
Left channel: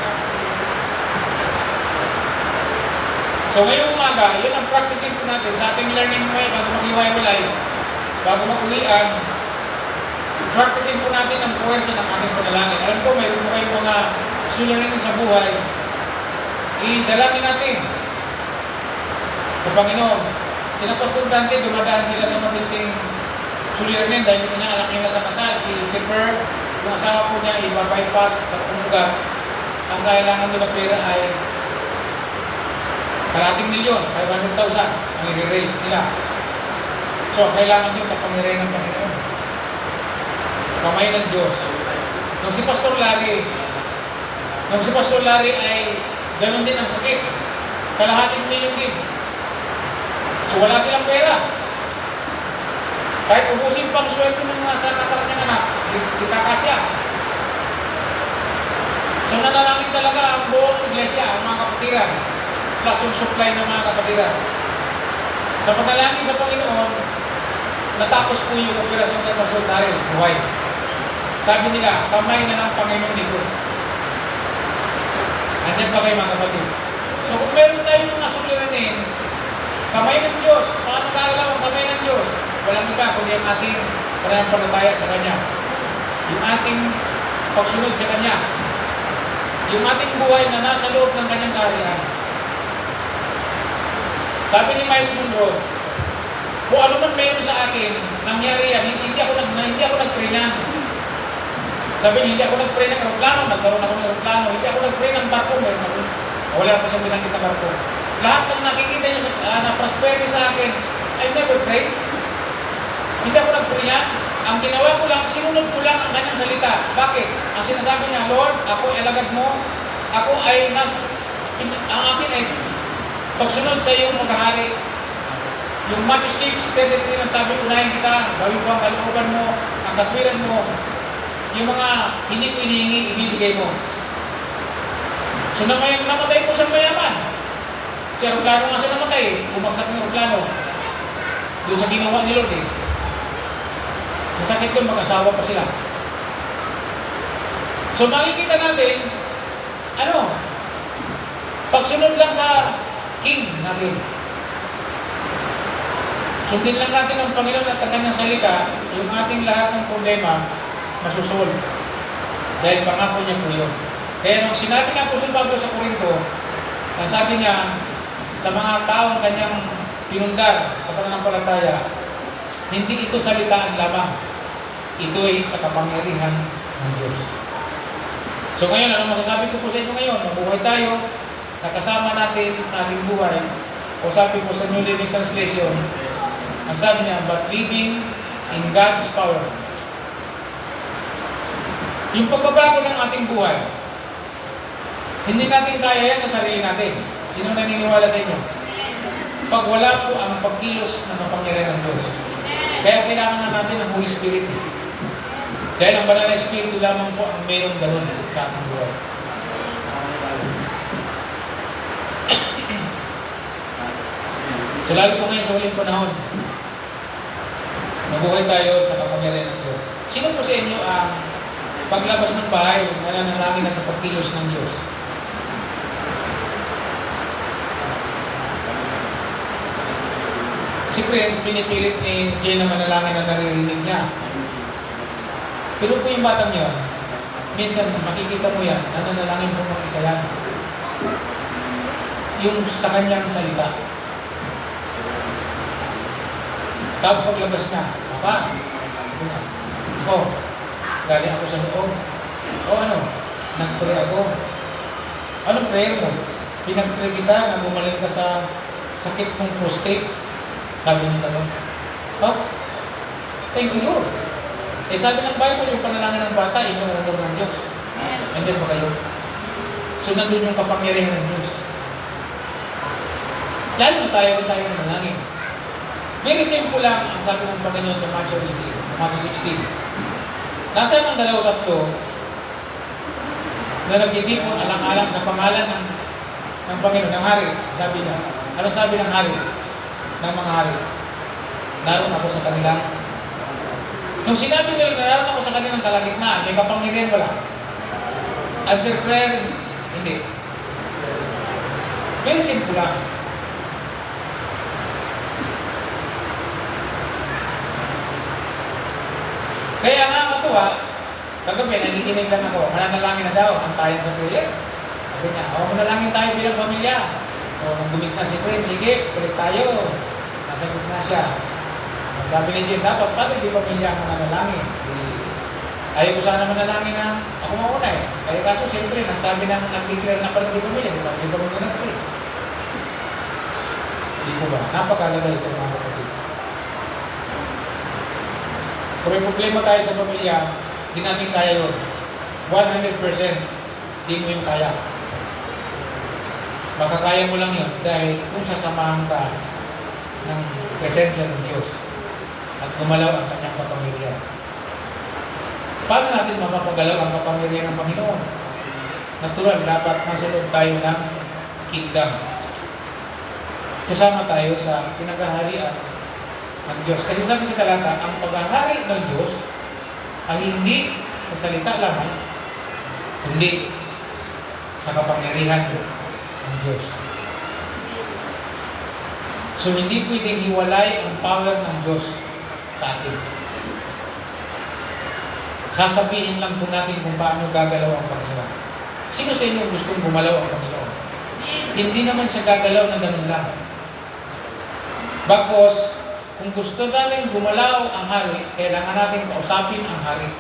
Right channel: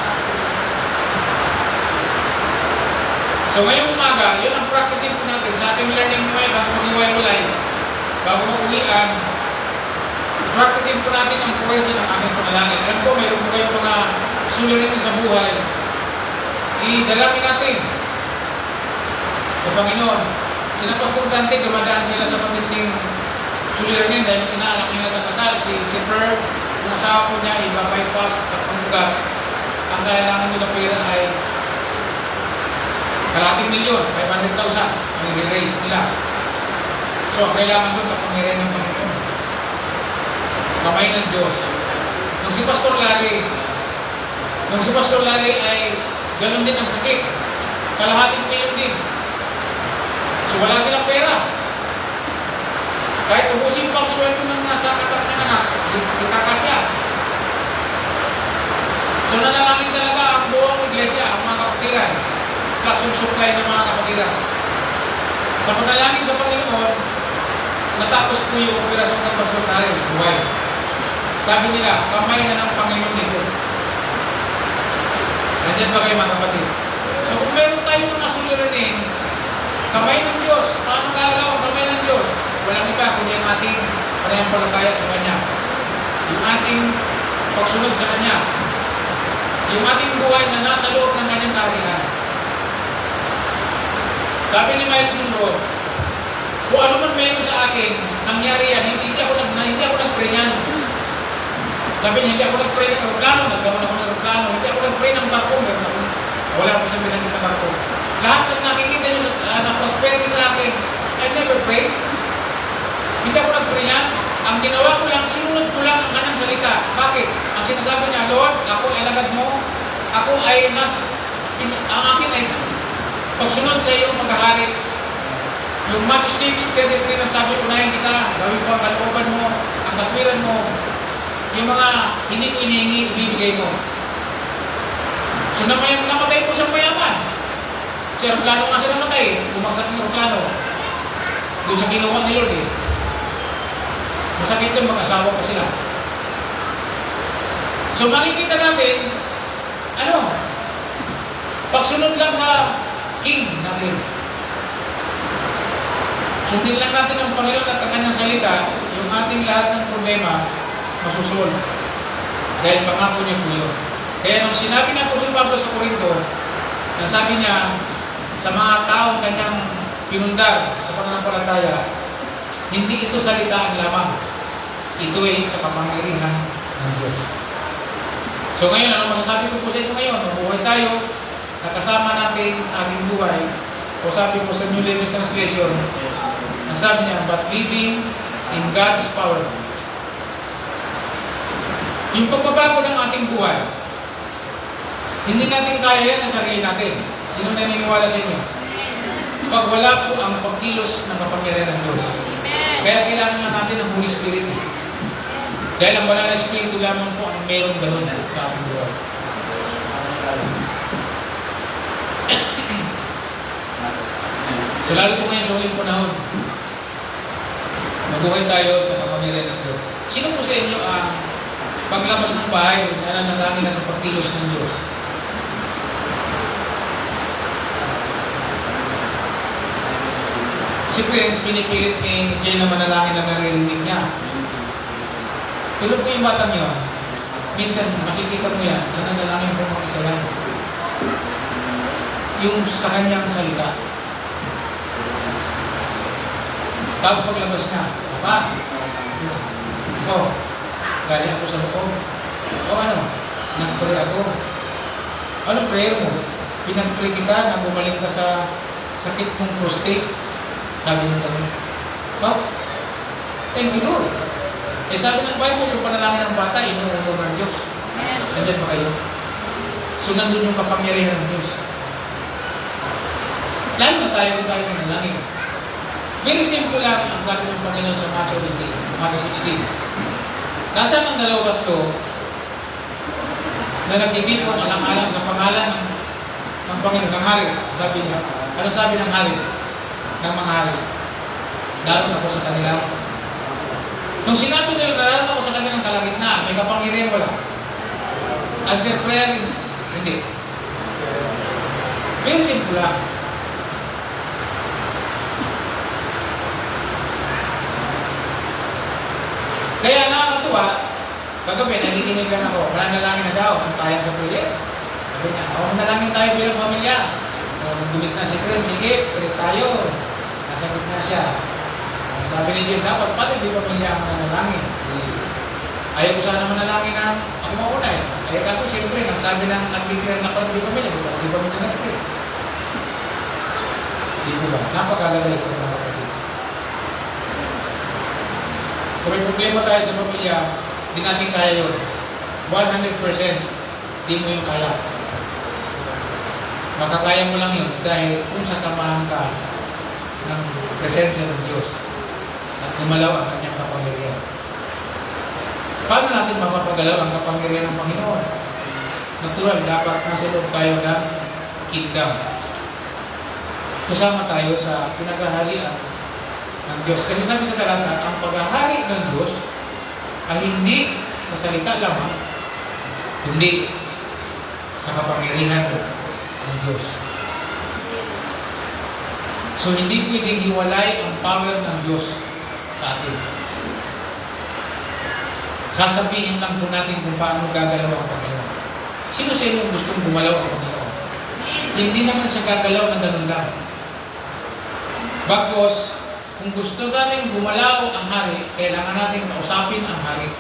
So ngayong umaga, yun ang practicing po natin sa ating learning moment bago mag-iwalay, bago mag-uwian, practicing po natin ang buhay sa aming panalangin. Alam ko, mayroon po kayong mga suliranin sa buhay. Idalangin natin sa Panginoon. Sina Pastor Dante, dumadaan sila sa matinding suliranin dahil inaalak nila sa kasal. Si Per, yung asawa po niya, iba-bypass, tatlong ugat. Ang kailangan nila pera ay kalating milyon, 500,000 ang i-raise nila. So, kailangan nyo kapangyarihan ng Panginoon. Kamay ng Diyos. Nung si Pastor Larry ay ganun din ang sakit. Kalahating milyon din. So, wala silang pera. Kahit ubusin pa ang sweldo ng nasa katawan ng anak, itakasya. So, nanalangin talaga ang buong iglesia, ang mga kapatiran. Plus yung supply ng mga kapatiran. Sa panalangin sa Panginoon, natapos po yung operasyon ng Pastor Larry, buhay. Sabi nila, kamay na ng Panginoon nito. Nandiyan ba kayo mga kapatid? So kung meron tayong mga suliranin, kamay ng Diyos. Paano kagalaw ang kamay ng Diyos? Walang iba kundi ang ating pananampalataya sa Kanya. Yung ating pagsunod sa Kanya. yung ating buhay na nasa loob ng kanyang kaharian. Sabi ni Miles Monroe, kung ano man meron sa akin, nangyari yan, hindi ako nag-pray na. Sabi niya, hindi ako nag-pray ng aeroplano, nagkaroon ako ng aeroplano, hindi ako nag-pray ng barko, wala ako sa binanggit na barko. Lahat ng nakikita niyo na prosperity sa akin, I've never prayed. Hindi ako nag-pray niya. Ang ginawa ko lang, sinunod ko lang ang kanyang salita. Bakit? Ang sinasabi niya, Lord, ako ay alagad mo, ako ay ang akin ay pagsunod sa iyong maghahari. Yung Matthew 6:33 na sabi, unahin kita, gawin ko ang kalooban mo, ang katwiran mo, yung mga hindi ko hinihingi, ibibigay mo. So namatay po siyang mayaman. Si aeroplano nga siya namatay, bumagsak ng aeroplano. Doon sa kinuha ni Lord eh. Masakit doon, mag-asawa pa sila. So makikita natin, pagsunod lang sa King natin. Sundin lang natin ang Panginoon at ang kanyang salita, yung ating lahat ng problema, masusolve. Dahil pangako niya po yun. Kaya nung sinabi ng Apostol Pablo sa Corinto, sabi niya, sa mga taong kanyang pinundar sa pananampalataya, hindi ito salitaan lamang. Ito ay sa kapangyarihan ng Diyos. So ngayon, ano masasabi ko po sa inyo ngayon? Mabuhay tayo, nakasama natin sa ating buhay, o sabi po sa New Living Translation, ang sabi niya, but living in God's power. Yung pagbabago ng ating buhay, hindi natin kaya yan sa sarili natin. Sino naniniwala sa inyo? Pag wala po ang pagkilos ng kapangyarihan ng Diyos. Kaya kailangan natin ng Holy Spirit. Dahil ang banal na Espiritu lamang po ang meron gano'n sa ating buhay. So lalo po ngayon sa ulit panahon, mabuhay tayo sa kapangyarihan ng Diyos. Sino po sa inyo ang paglabas ng bahay, nananalangin na sa pagkilos ng Diyos? Si Prince, pinipilit ni Jay na manalangin na naririnig niya. Pero po yung batang yun, minsan makikita mo yan, nananalangin po mga isa yan. Yung sa kanyang salita. Tapos paglabas na, Papa, galing ako sa loob. Nag-pray ako. Anong prayer mo? Pinag-pray kita na bumalik ka sa sakit mong prostate. Sabi ng tanong, thank you Lord. Sabi ng Bible, yung panalangin ng bata, inuunod ng Diyos. Nandiyan ba kayo? So nandun yung kapangyarihan ng Diyos. Lalo na tayo nanalangin. Very simple lang ang sabi ng Panginoon sa Matthew 16. Nasaan ang dalawa tatlo na nagtitip ang alang-alang sa pangalan ng Panginoon, ng hari? Sabi niya, anong sabi ng hari? Ng mga hari? Naroon ako sa kanila. Nung sinabi nila, naroon ako sa kanilang kalagitnaan, may kapangyarihan wala. Answer prayer, hindi. Very simple lang. Kaya nakakatuwa, kagabi, nakikinig lang ako, mananalangin na daw, ang tayang sa prayer. Sabi niya, manalangin tayo bilang pamilya. Gumit na si Prince, sige, pwede tayo. Nasagot na siya. Sabi ni Jim, dapat pala di pamilya ang mananalangin. Ayaw ko sana manalangin na ako mauna eh. Kaya kaso, siyempre, nagsabi ng nag-declare na pala di pamilya, di pamilya nag-pray. Hindi ko ba? Napakalagay ko mga kapatid. Kung may problema tayo sa pamilya, di natin kaya yun. 100% di mo yung kaya. Makakaya mo lang yun dahil kung sasamahan ka ng presensya ng Diyos at gumalaw ang kanyang kapangyarihan. Paano natin mapapagalaw ang kapangyarihan ng Panginoon? Natural, dapat nasa loob tayo ng kingdom. Kasama tayo sa pinaghaharian ng Diyos. Kasi sabi sa talata, ang paghahari ng Diyos ay hindi sa salita lamang, hindi sa kapangyarihan ng Diyos. So hindi pwedeng hiwalay ang power ng Diyos sa atin. Sasabihin lang po natin kung paano gagalaw ang Panginoon. Sino sa inyo gustong gumalaw ang Panginoon? Hindi naman siya gagalaw na ganun lang. Bagkos, kung gusto natin gumalaw ang hari, kailangan natin kausapin ang hari.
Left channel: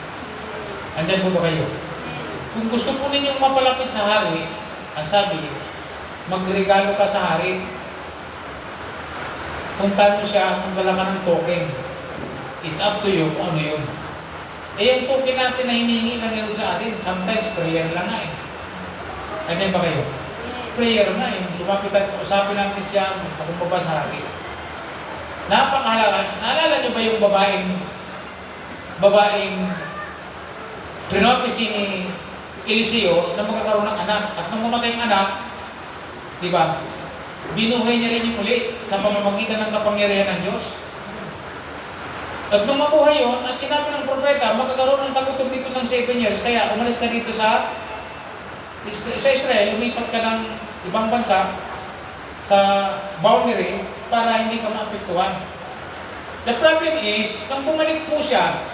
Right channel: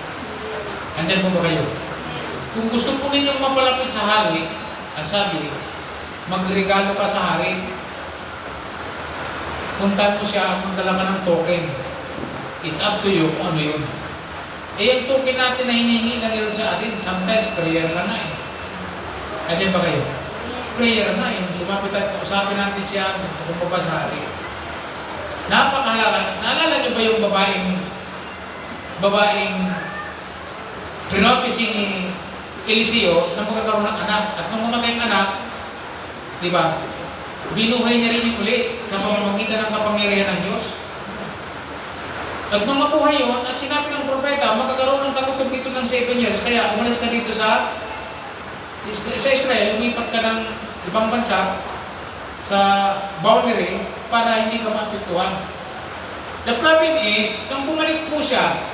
Andyan po ba kayo? Kung gusto po ninyong mapalapit sa hari, ang sabi, magregalo ka sa hari. Punta mo siya, magdala ka ng token. It's up to you kung ano yun. Eh, yung token natin na hinihingi lang yun sa atin, sometimes prayer lang nga eh. Andyan ba kayo? Prayer na eh. Lumapit at kausapin natin siya, magpapaba sa hari. Napakahalaga. Naalala niyo ba yung babaeng prinopisi ni Eliseo na magkakaroon ng anak? At nung mamatay ang anak, di ba? Binuhay niya rin yung muli sa pamamagitan ng kapangyarihan ng Diyos. At nung mabuhay yun, at sinabi ng propeta, magkakaroon ng katutog dito ng 7 years. Kaya umalis ka dito sa Israel, lumipat ka ng ibang bansa sa boundary para hindi ka maapektuhan. The problem is, nang bumalik po siya,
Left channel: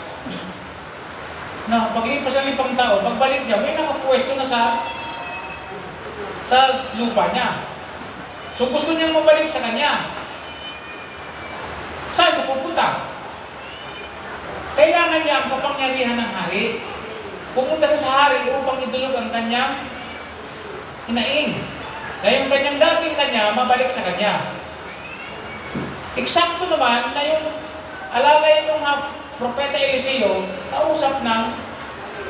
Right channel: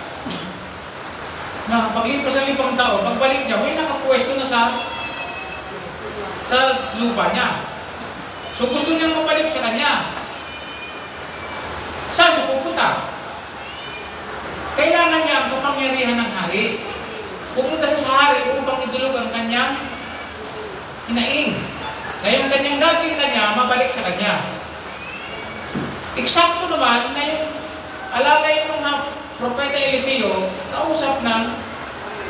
na paglipas sa 5 taon, pagbalik niya, may nakapwesto na sa lupa niya. So gusto niyang mabalik sa kanya. Saan siya pupunta? Kailangan niya ang kapangyarihan ng hari. Pupunta siya sa hari upang idulog ang kanyang hinaing. Na yung kanyang dating kanya, mabalik sa kanya. Eksakto naman na yung alalay ng propeta Eliseo, kausap ng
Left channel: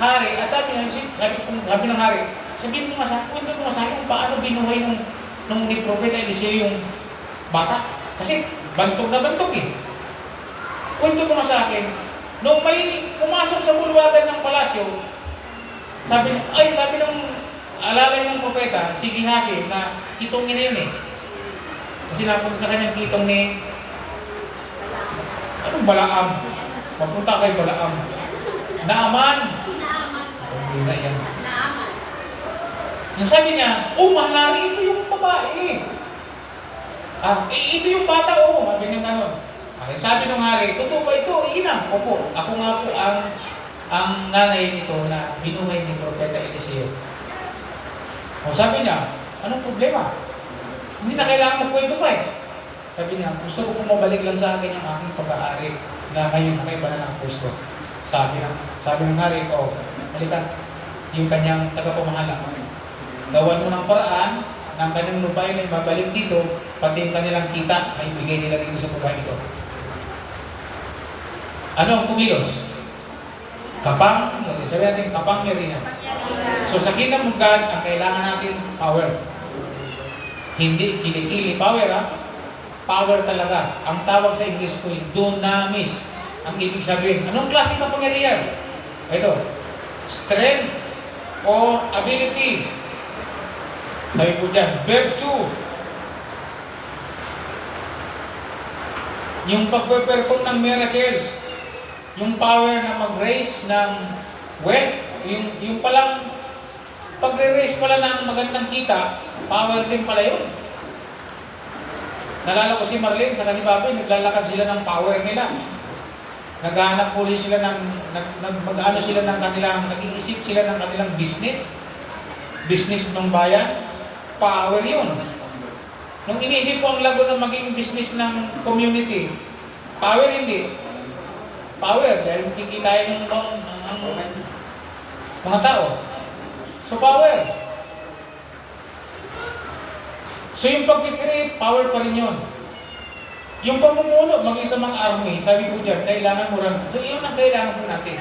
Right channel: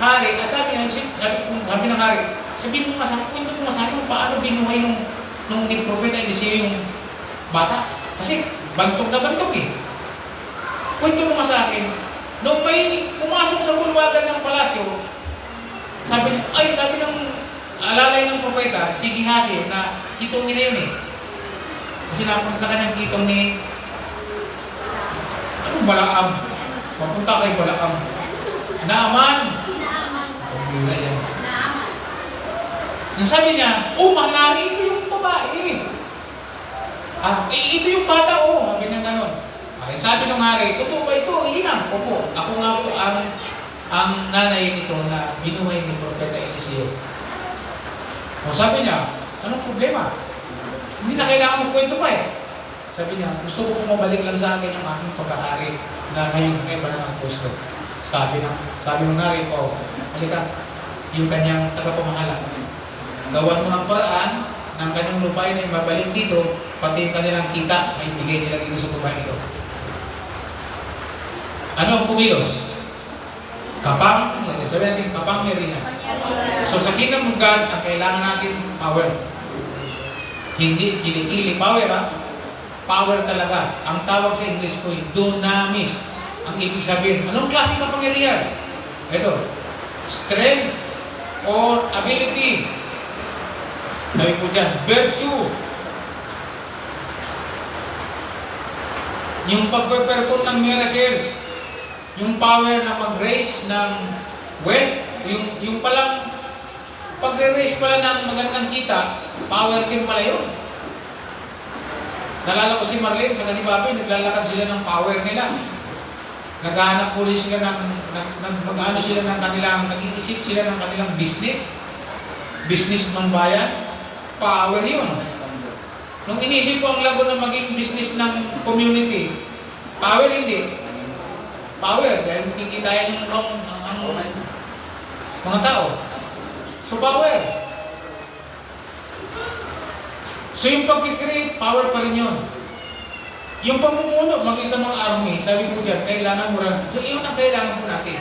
hari, at sabi ng hari, sabihin mo masabi kung paano binuhay nung propeta Eliseo yung bata. Kasi bantog na bantog eh. Kwento mo sa akin, nung may pumasok sa bulwagan ng palasyo, sabi ng alalay ng propeta, si Gihasi, na kitong niya yun eh. Kasi napunta sa kanyang kitong ni Balaam. Papunta kay Balaam. Naaman. Hindi na yan. Yung sabi niya, mahalali ito yung babae. Ito yung bata, Sabi niya gano'n. Okay, sabi ng hari, totoo ba ito? Iyan. Opo. Ako nga po ang nanay nito na binuhay ni Propeta Eliseo. Sabi niya, anong problema? Hindi na kailangan magkwento pa eh. Sabi niya, gusto ko pumabalik lang sa akin ang aking pag-aari na ngayon nakaiba na ng pwesto. Sabi ng hari, halika, yung kanyang tagapamahala. Gawan mo ng paraan ng kanyang lupain ay mabalik dito, pati yung kanilang kita ay bigay nila dito sa babae ito. Ano ang kumilos? Sabi natin, kapangyarihan. So sa kingdom of God, ang kailangan natin, power. Hindi kilikili power, Power talaga. Ang tawag sa English ko, dunamis. Ang ibig sabihin, anong klaseng kapangyarihan? Ito, strength or ability. Sabi ko dyan, virtue. Yung pagpe-perform ng miracles. Yung power na mag-raise ng wealth. Yung palang pag-raise pala ng magandang kita, power din pala yun. Nalala ko si Marlene, sa si Bobby, naglalakad sila ng power nila. Naghahanap po sila mag-ano sila ng kanilang, nag-iisip sila ng kanilang business ng bayan. Power yun. Nung inisip ko ang lago na maging business ng community, power hindi. Power, dahil kikitayan ang mga tao. So power. So yung pag-create, power pa rin yun. Yung pamumuno, maging sa mga army, sabi ko dyan, kailangan mo lang. So yun ang kailangan po natin.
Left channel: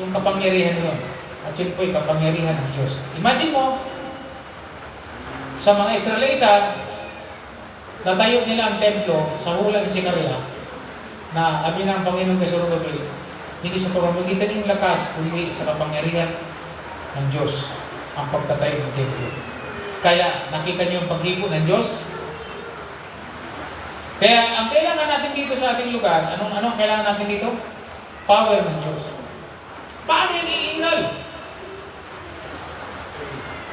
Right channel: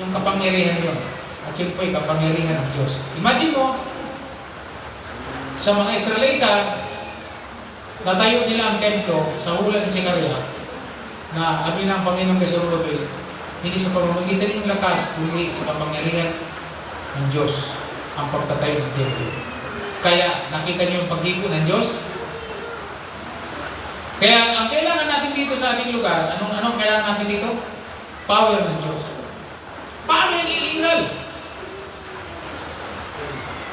Yung kapangyarihan yun. At yun po yung kapangyarihan ng Diyos. Imagine mo, sa mga Israelita, natayo nila ang templo sa hula ni Sekaria, na sabi ng Panginoong Kesorobel, hindi sa pamamagitan ng lakas, kundi sa kapangyarihan ng Diyos ang pagtatayo ng templo. Kaya nakita niyo yung paghipo ng Diyos? Kaya ang kailangan natin dito sa ating lugar, anong kailangan natin dito? Power ng Diyos. Paano yung iingal?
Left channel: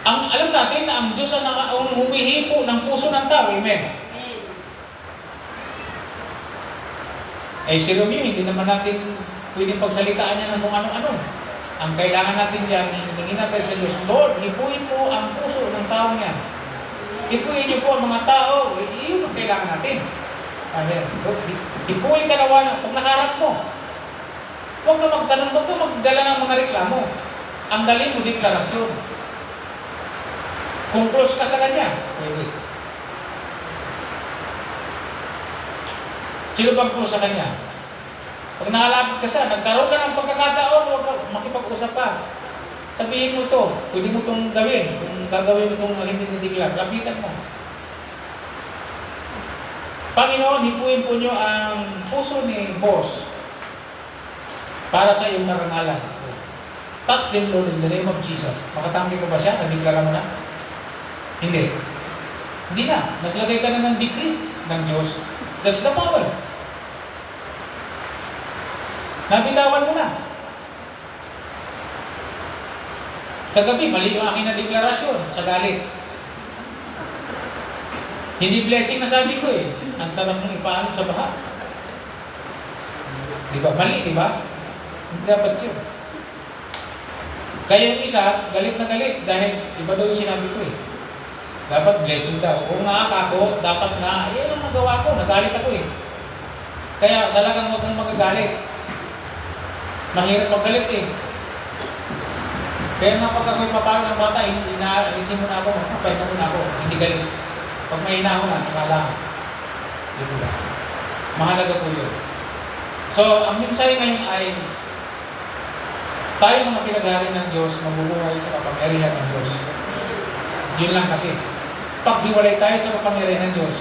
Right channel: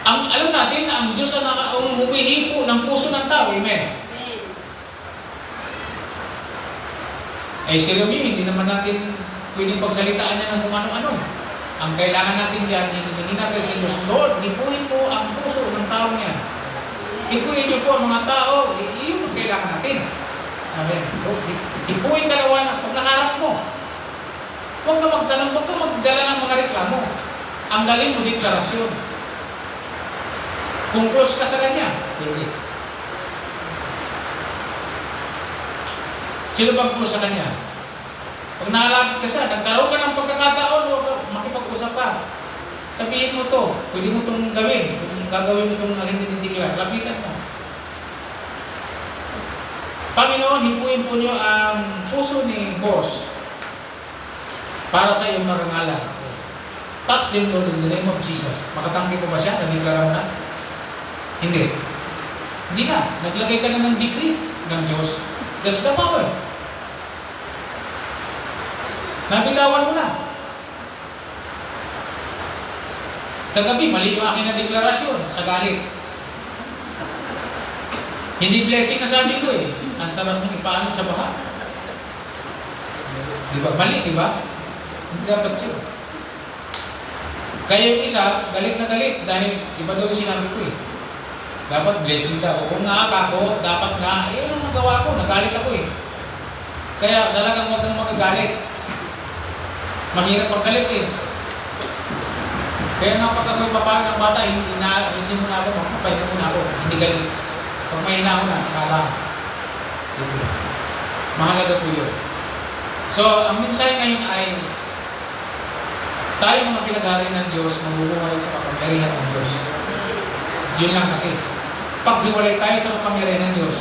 Alam natin na ang Diyos ang humihipo ng puso ng tao. Amen? Si Romeo, hindi naman natin pwedeng pagsalitaan niya ng kung ano-ano. Ang kailangan natin dyan, hinihingin natin sa Diyos, Lord, hipuin po ang puso ng taong yan. Hipuin niyo po ang mga tao, iyon ang kailangan natin. Amen. Hipuin dalawa, pag nakarap mo, huwag ka magtanong, huwag ka magdala ng mga reklamo. Ang dalhin mo, deklarasyon. Kung close ka sa kanya, pwede. Sino bang close sa kanya? Pag nakalapit ka siya, nagkaroon ka ng pagkakataon, huwag ka makipag-usap ka. Sabihin mo to, pwede mo itong gawin. Kung gagawin mo itong hindi dinideklar, lapitan mo. Panginoon, hipuin po niyo ang puso ni boss para sa iyong marangalan. Touch them, Lord, in the name of Jesus. Makatanggi ko ba siya? Nagdeklara mo na? Hindi. Hindi na. Naglagay ka na ng decree ng Diyos. That's the power. Nabitawan mo na. Kagabi, mali yung aking na deklarasyon sa galit. Hindi blessing na sabi ko eh. Ang sarap mong ipaanod sa baha. Di ba? Mali, di ba? Hindi dapat yun. Kaya yung isa, galit na galit dahil iba daw yung sinabi ko eh. Dapat blessing daw. Kung nakakako, dapat na, eh, ang magawa ko, nagalit ako eh. Kaya talagang wag kang magagalit. Mahirap magalit eh. Kaya nga pag ako'y papalo ng bata, hindi mo na ako, mapapahinga mo na ako, hindi galit. Pag may hina mo na, saka lang. Mahalaga po yun. So, ang mensahe ngayon ay tayo mga pinag-ari ng Diyos, mabubuhay sa kapangyarihan ng Diyos. Yun lang kasi. Pag hiwalay tayo sa kapangyarihan ng Diyos,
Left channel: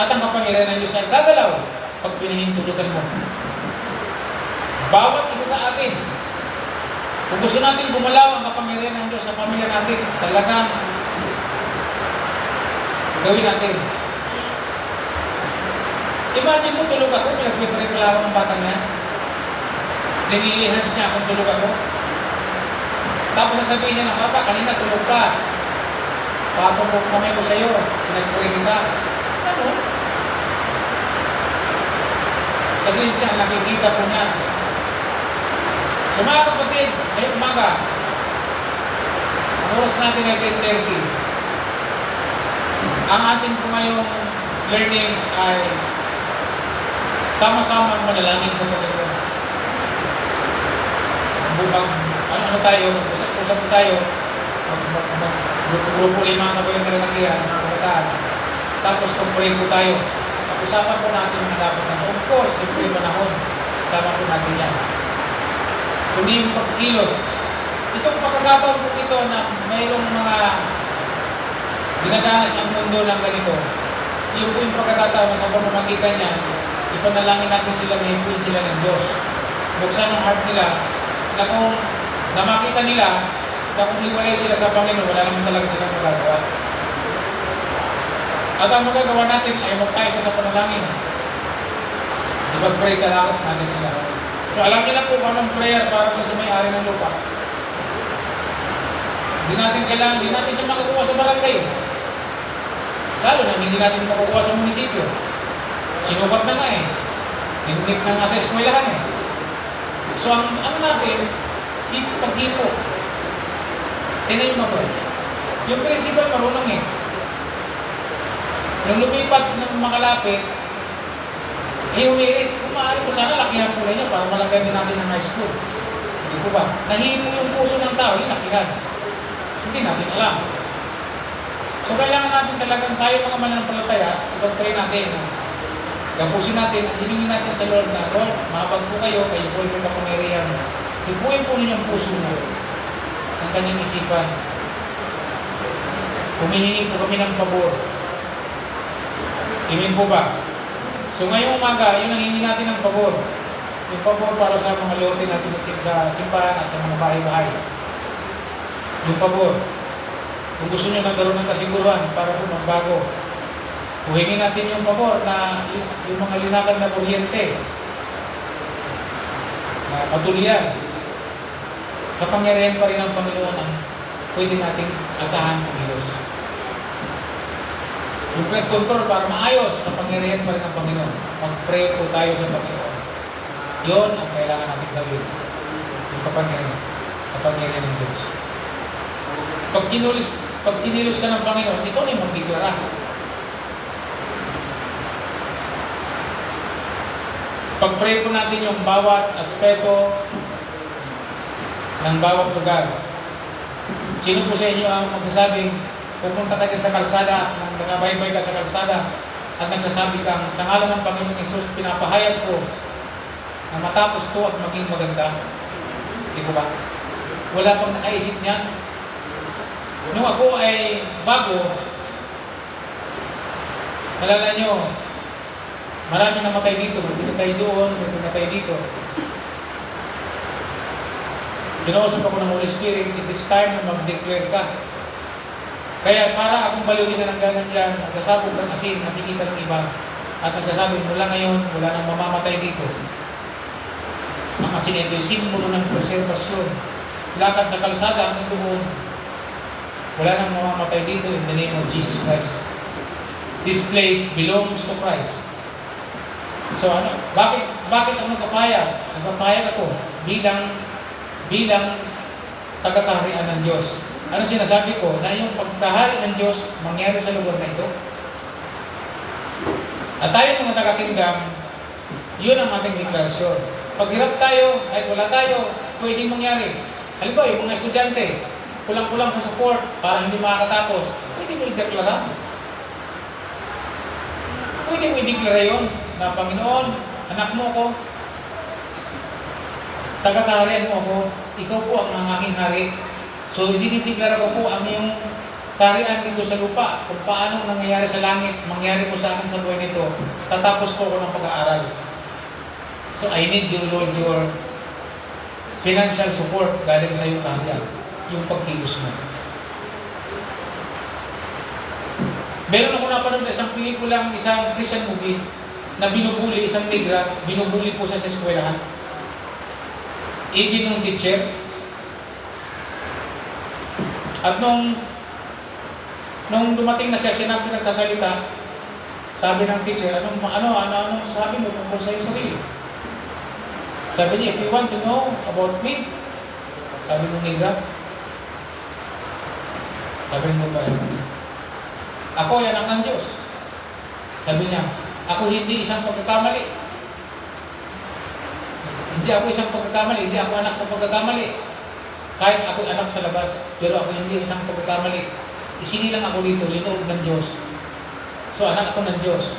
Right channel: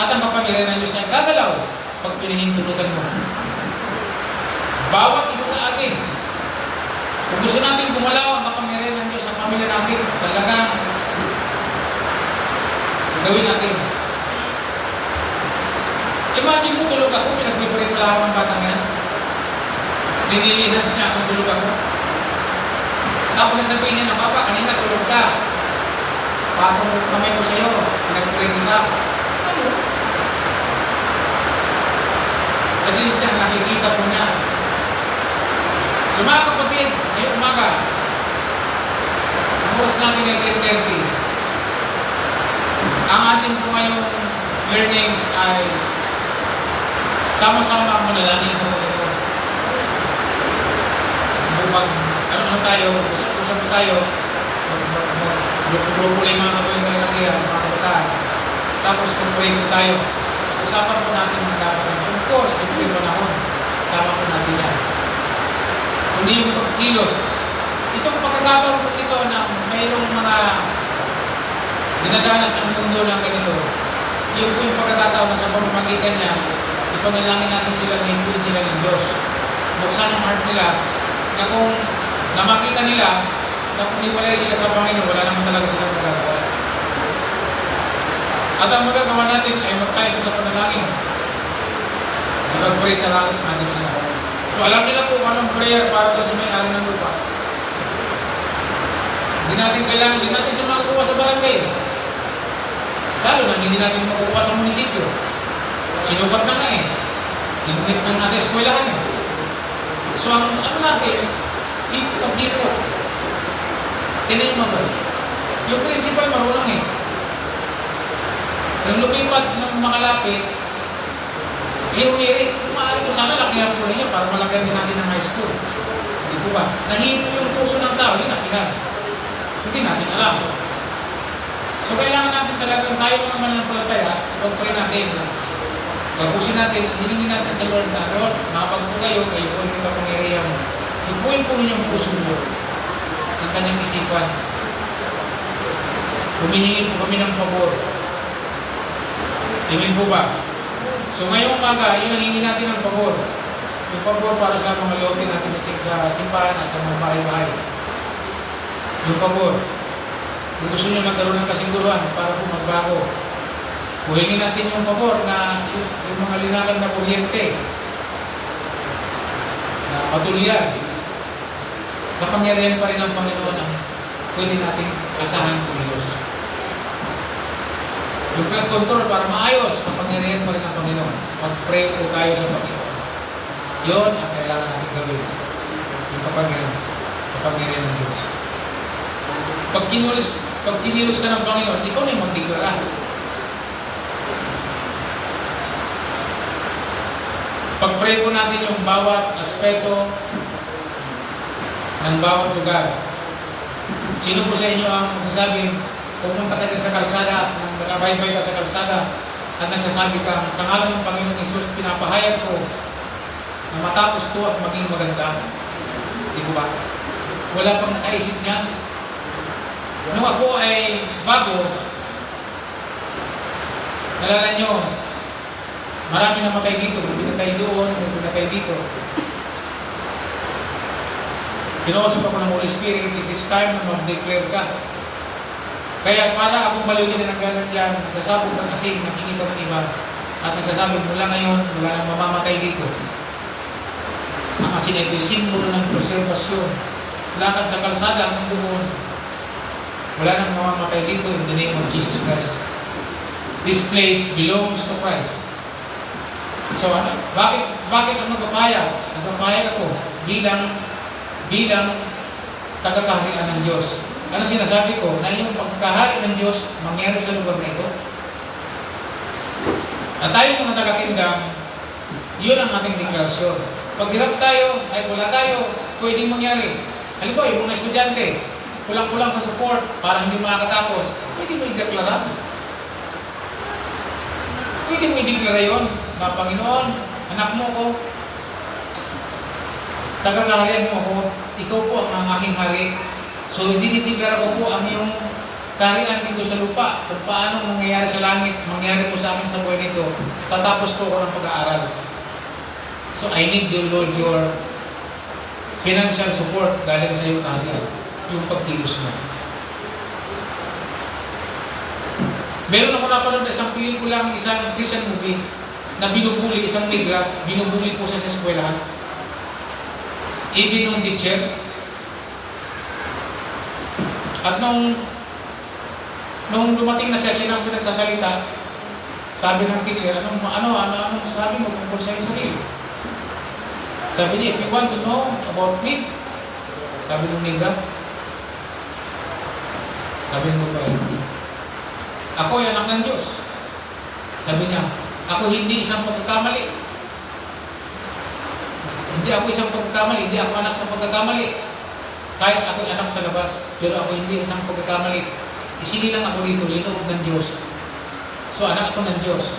at ang kapangyarihan ng Diyos ay gagalaw pag pinahintulutan mo. Bawat isa sa atin, kung gusto natin gumalaw ang kapangyarihan ng Diyos sa pamilya natin, talagang gawin natin. Imagine mo, tulog ako, pinagpipirin wala ako ng batang yan. Nililihans niya akong tulog ako. Tapos nasabihin niya ng papa, kanina tulog ka. Tapos kamay ko sa'yo, pinagpirin kita. Ano? Kasi siya nakikita ko na. So mga kapatid, ngayong umaga, ang oras natin ay 10:30. Ang ating po ngayong learnings ay sama-sama ang manalangin sa Panginoon. Ano tayo, usap tayo, mag-grupo lang mga kapatid, mga kabataan. Tapos pag-pray po tayo. Usapan po natin ang dapat natin. Of course, yung panahon, sama po natin yan. Kundi yung pagkilos. Itong pagkakataon po ito na mayroong mga dinadanas ang mundo ng ganito. Yun po yung pagkakataon na sa pamamagitan niya, ipanalangin natin sila na hipuin sila ng Diyos. Buksan ang heart nila na kung namakita nila na kung hiwalay sila sa Panginoon, wala naman talaga silang magagawa. At ang magagawa natin ay magkaisa sa panalangin. Mag-pray talaga natin sila. So alam niyo na po anong prayer para sa may-ari ng lupa. Hindi natin kailangan, hindi natin siya makukuha sa barangay. Lalo na hindi natin makukuha sa munisipyo. Sinukat na nga eh. Hinunik na nga sa eskwelahan eh. So ang ano natin, pag-hipo. Tinayin mo po. Yung principal marunong eh. Nung lumipat ng makalapit, humirit. Kung maaari ko sana, lakihan ko rin niya para malagay din natin ng high school. Hindi po ba? Nahihilo yung puso ng tao, lakihan. Hindi natin alam. So kailangan natin talagang tayo mga mananampalataya, ipag-pray natin. Gapusin natin, hilingin natin sa Lord na, Lord, makapag po kayo, kayo po yung kapangyarihan mo. Hipuin po ninyong puso mo ng kanyang isipan. Humihingi po kami ng pabor. Amen po ba? So ngayong umaga, yun ang hihingi natin ng pabor. Yung pabor para sa mga lootin natin sa simbahan at sa mga bahay-bahay. Yung pabor. Kung gusto nyo magkaroon ng kasiguruhan para po magbago, huwingin natin yung pabor na yung mga linalab na kuryente na patuloyan. Kapangyarihan pa rin ang Panginoon ang pwede natin asahan ng Diyos. Yung control para maayos, kapangyarihan pa rin ang Panginoon. Mag-pray po tayo sa Panginoon. Yun ang kailangan natin gawin. Yung kapangyarihan. kapangyarihan ng Diyos. Pag kinilos ka ng Panginoon, ikaw na yung magdiklara. Pag-pray po natin yung bawat aspeto ng bawat lugar. Sino po sa inyo ang magsasabing pumunta ka sa kalsada at nakabaybay ka sa kalsada at nagsasabi ka, sa ngalan ng Panginoong Hesus, pinapahayag ko na matapos ko at maging maganda. Di ko ba? Wala pang nakaisip niya. Nung ako ay bago, nalala nyo, maraming namatay dito, may pinatay doon, may pinatay dito. Kinausap ako ng Holy Spirit, it is time na mag-declare ka. Kaya para akong baliwin na ng ganun dyan, nagkasabog ng asin, nakikita ng iba, at nagsasabi, mula ngayon, wala nang mamamatay dito. Ang asin ito yung simbolo ng preservasyon. Lakad sa kalsada, ang doon, wala nang mamamatay dito in the name of Jesus Christ. This place belongs to Christ. So, bakit ang nagpapahayag? Nagpapahayag ako bilang taga-kaharian ng Diyos. Ano sinasabi ko? Na yung pagkahari ng Diyos mangyari sa lugar na ito. At tayo mga taga-kingdom, yun ang ating deklarasyon. Pag hirap tayo, kahit wala tayo, pwedeng mangyari. Halimbawa, yung mga estudyante, kulang-kulang sa support para hindi makakatapos, pwede mo i-deklara. Pwede mo i-deklara yun na Panginoon, anak mo ko, taga-kaharian mo ako, ikaw po ang aking hari. So, dinideklara ko po ang iyong kaharian dito sa lupa. Kung paano nangyayari sa langit, mangyari mo sa akin sa buhay nito. Tatapos ko ng pag-aaral. So, I need you, Lord, your financial support galing sa iyong kaharian. Yung pagkilos mo. Meron ako napanood na isang pelikulang, isang Christian movie na binubuli, isang negra, binubuli po siya sa eskwelahan. Even nung teacher. At nung dumating na siya, siya na nagsasalita, sabi ng teacher, anong sabi mo tungkol sa iyong sarili? Sabi niya, if you want to know about me, sabi ng negra, sabi mo ba, ako ay anak ng Diyos. Sabi niya, ako hindi isang pagkakamali. Hindi ako isang pagkakamali, hindi ako anak sa pagkakamali. Kahit ako anak sa labas, pero ako hindi isang pagkakamali. Isinilang ako dito, linoob ng Diyos. So anak ako ng Diyos.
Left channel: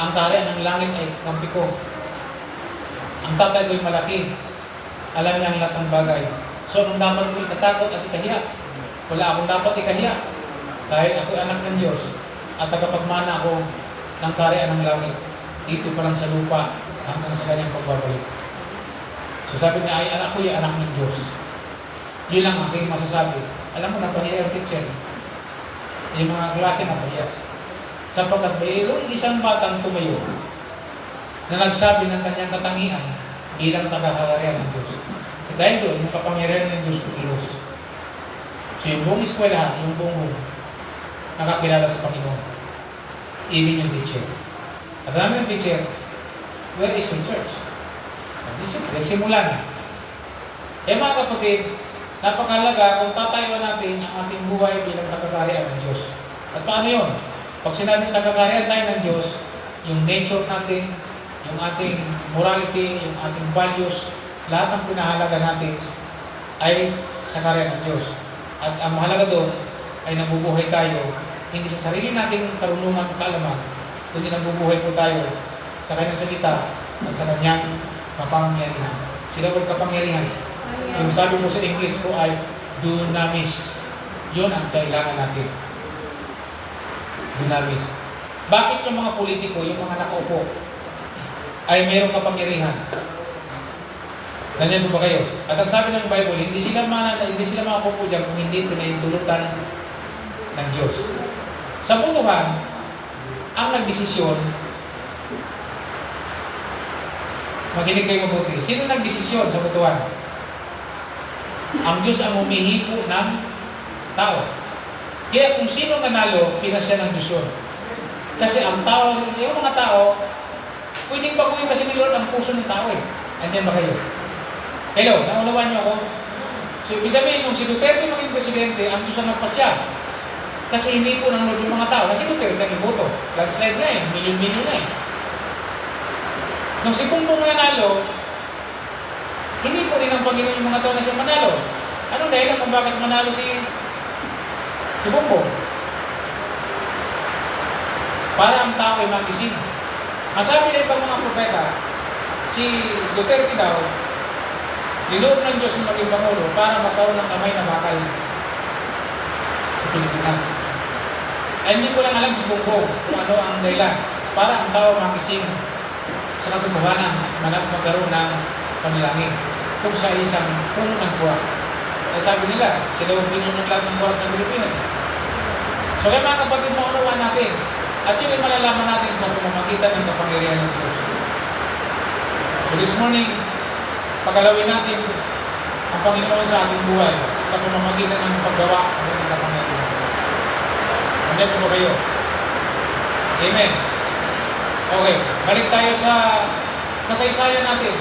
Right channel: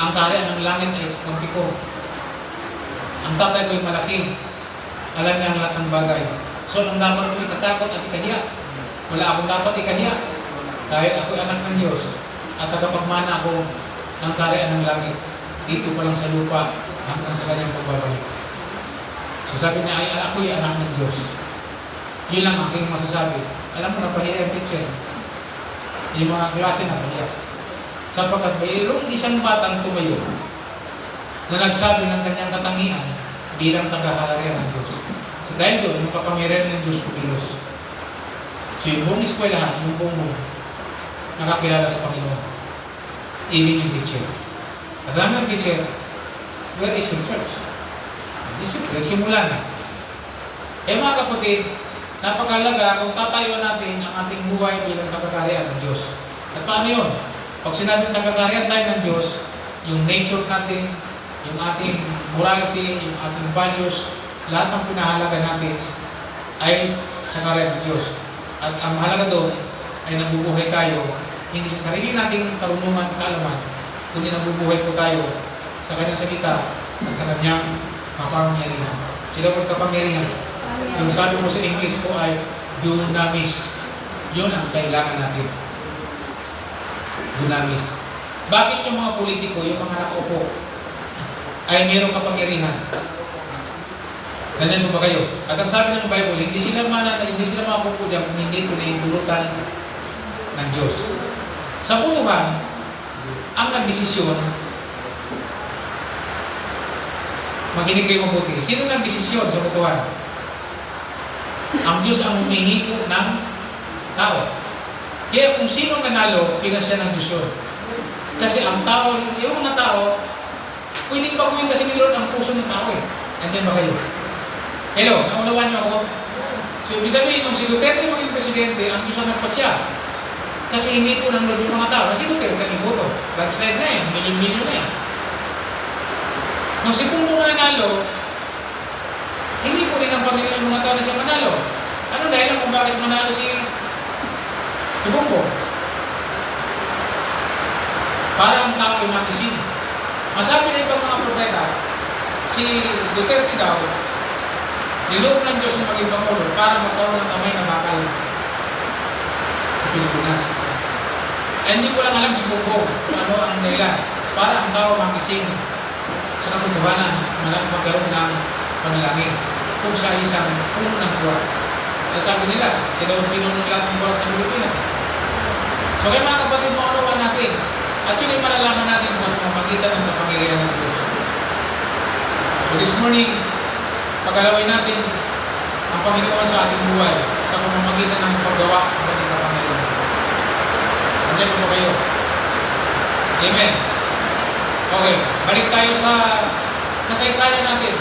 Ang kaharian ng langit ay kampi ko. Ang tatay ko ay malaki. Alam niya ang lahat ng bagay. So nung dapat ko ikatakot at ikahiya, wala akong dapat ikahiya. Dahil ako ay anak ng Diyos at tagapagmana ako ng kaharian ng langit. Dito pa lang sa lupa hanggang sa kanyang pagbabalik. So sabi niya ay ako ay anak ng Diyos. Yun lang ang aking masasabi. Alam mo, napahiya ang teacher. Yung mga klase napahiya. Sapagkat mayroong isang batang tumayo na nagsabi ng kanyang katangian bilang tagaharian ng Diyos. So dahil doon, yung kapangyarihan ng Diyos kumilos. So yung buong eskwelahan, yung buong mundo, nakakilala sa Panginoon. Even yung teacher. At alam ng teacher, where is your church? Nagsimula na. Eh mga kapatid, napakalaga kung tatayuan natin ang ating buhay bilang tagaharian ng Diyos. At paano yun? Pag sinabing tagaharian tayo ng Diyos, yung nature natin, yung ating morality, yung ating values, lahat ng pinahalaga natin ay sa kaharian ng Diyos. At ang mahalaga doon ay nabubuhay tayo, hindi sa sarili nating karunungan, kaalaman, kundi nabubuhay po tayo sa kanyang salita at sa kanyang kapangyarihan. Sila po kapangyarihan. Yung sabi mo sa English po ay dunamis. Yun ang kailangan natin. Dunamis. Bakit yung mga politiko, yung mga nakaupo, ay mayroong kapangyarihan? Ganyan mo ba kayo? At ang sabi ng Bible, hindi sila makapupo dyan kung hindi pinahintulutan ng Diyos. Sa butuhan, ang nagdesisyon, makinig kayo mabuti. Sino nagdesisyon sa butuhan? Ang Diyos ang humihipo ng tao. Kaya kung sino nanalo, pinasya ng Diyos yun. Kasi ang tao, yung mga tao, pwedeng baguhin kasi ni Lord ang puso ng tao eh. Andiyan ba kayo? Hello, naulawan niyo ako? So, ibig sabihin, nung si Duterte maging presidente, ang Diyos ang nagpasya. Kasi hindi po nanonood yung mga tao. Kasi Duterte ang iboto. Landslide na eh. Milyon-milyon na eh. Nung si Bongbong nanalo, hindi po rin ang Panginoon yung mga tao na siya manalo. Ano dahil kung bakit manalo si Bongbong? Para ang tao ay makising. Ang sabi na ibang mga propeta, si Duterte daw, niloob ng Diyos yung maging Pangulo para magkaroon ng kamay na bakal sa Pilipinas. Ay hindi ko lang alam si Bongbong kung ano ang dahilan para ang tao makising sa katotohanan na magkaroon ng panalangin kung siya isang puno ng buwan. Kaya sabi nila, sila ang pinuno lahat ng buwan sa Pilipinas. So kaya mga kapatid, makakuha natin at yun ay malalaman natin sa pamamagitan ng kapangyarihan ng Diyos. So this morning, paggalawin natin ang Panginoon sa ating buhay sa pamamagitan ng paggawa ng ating kapangyarihan. Nandiyan po kayo. Amen. Okay, balik tayo sa kasaysayan natin.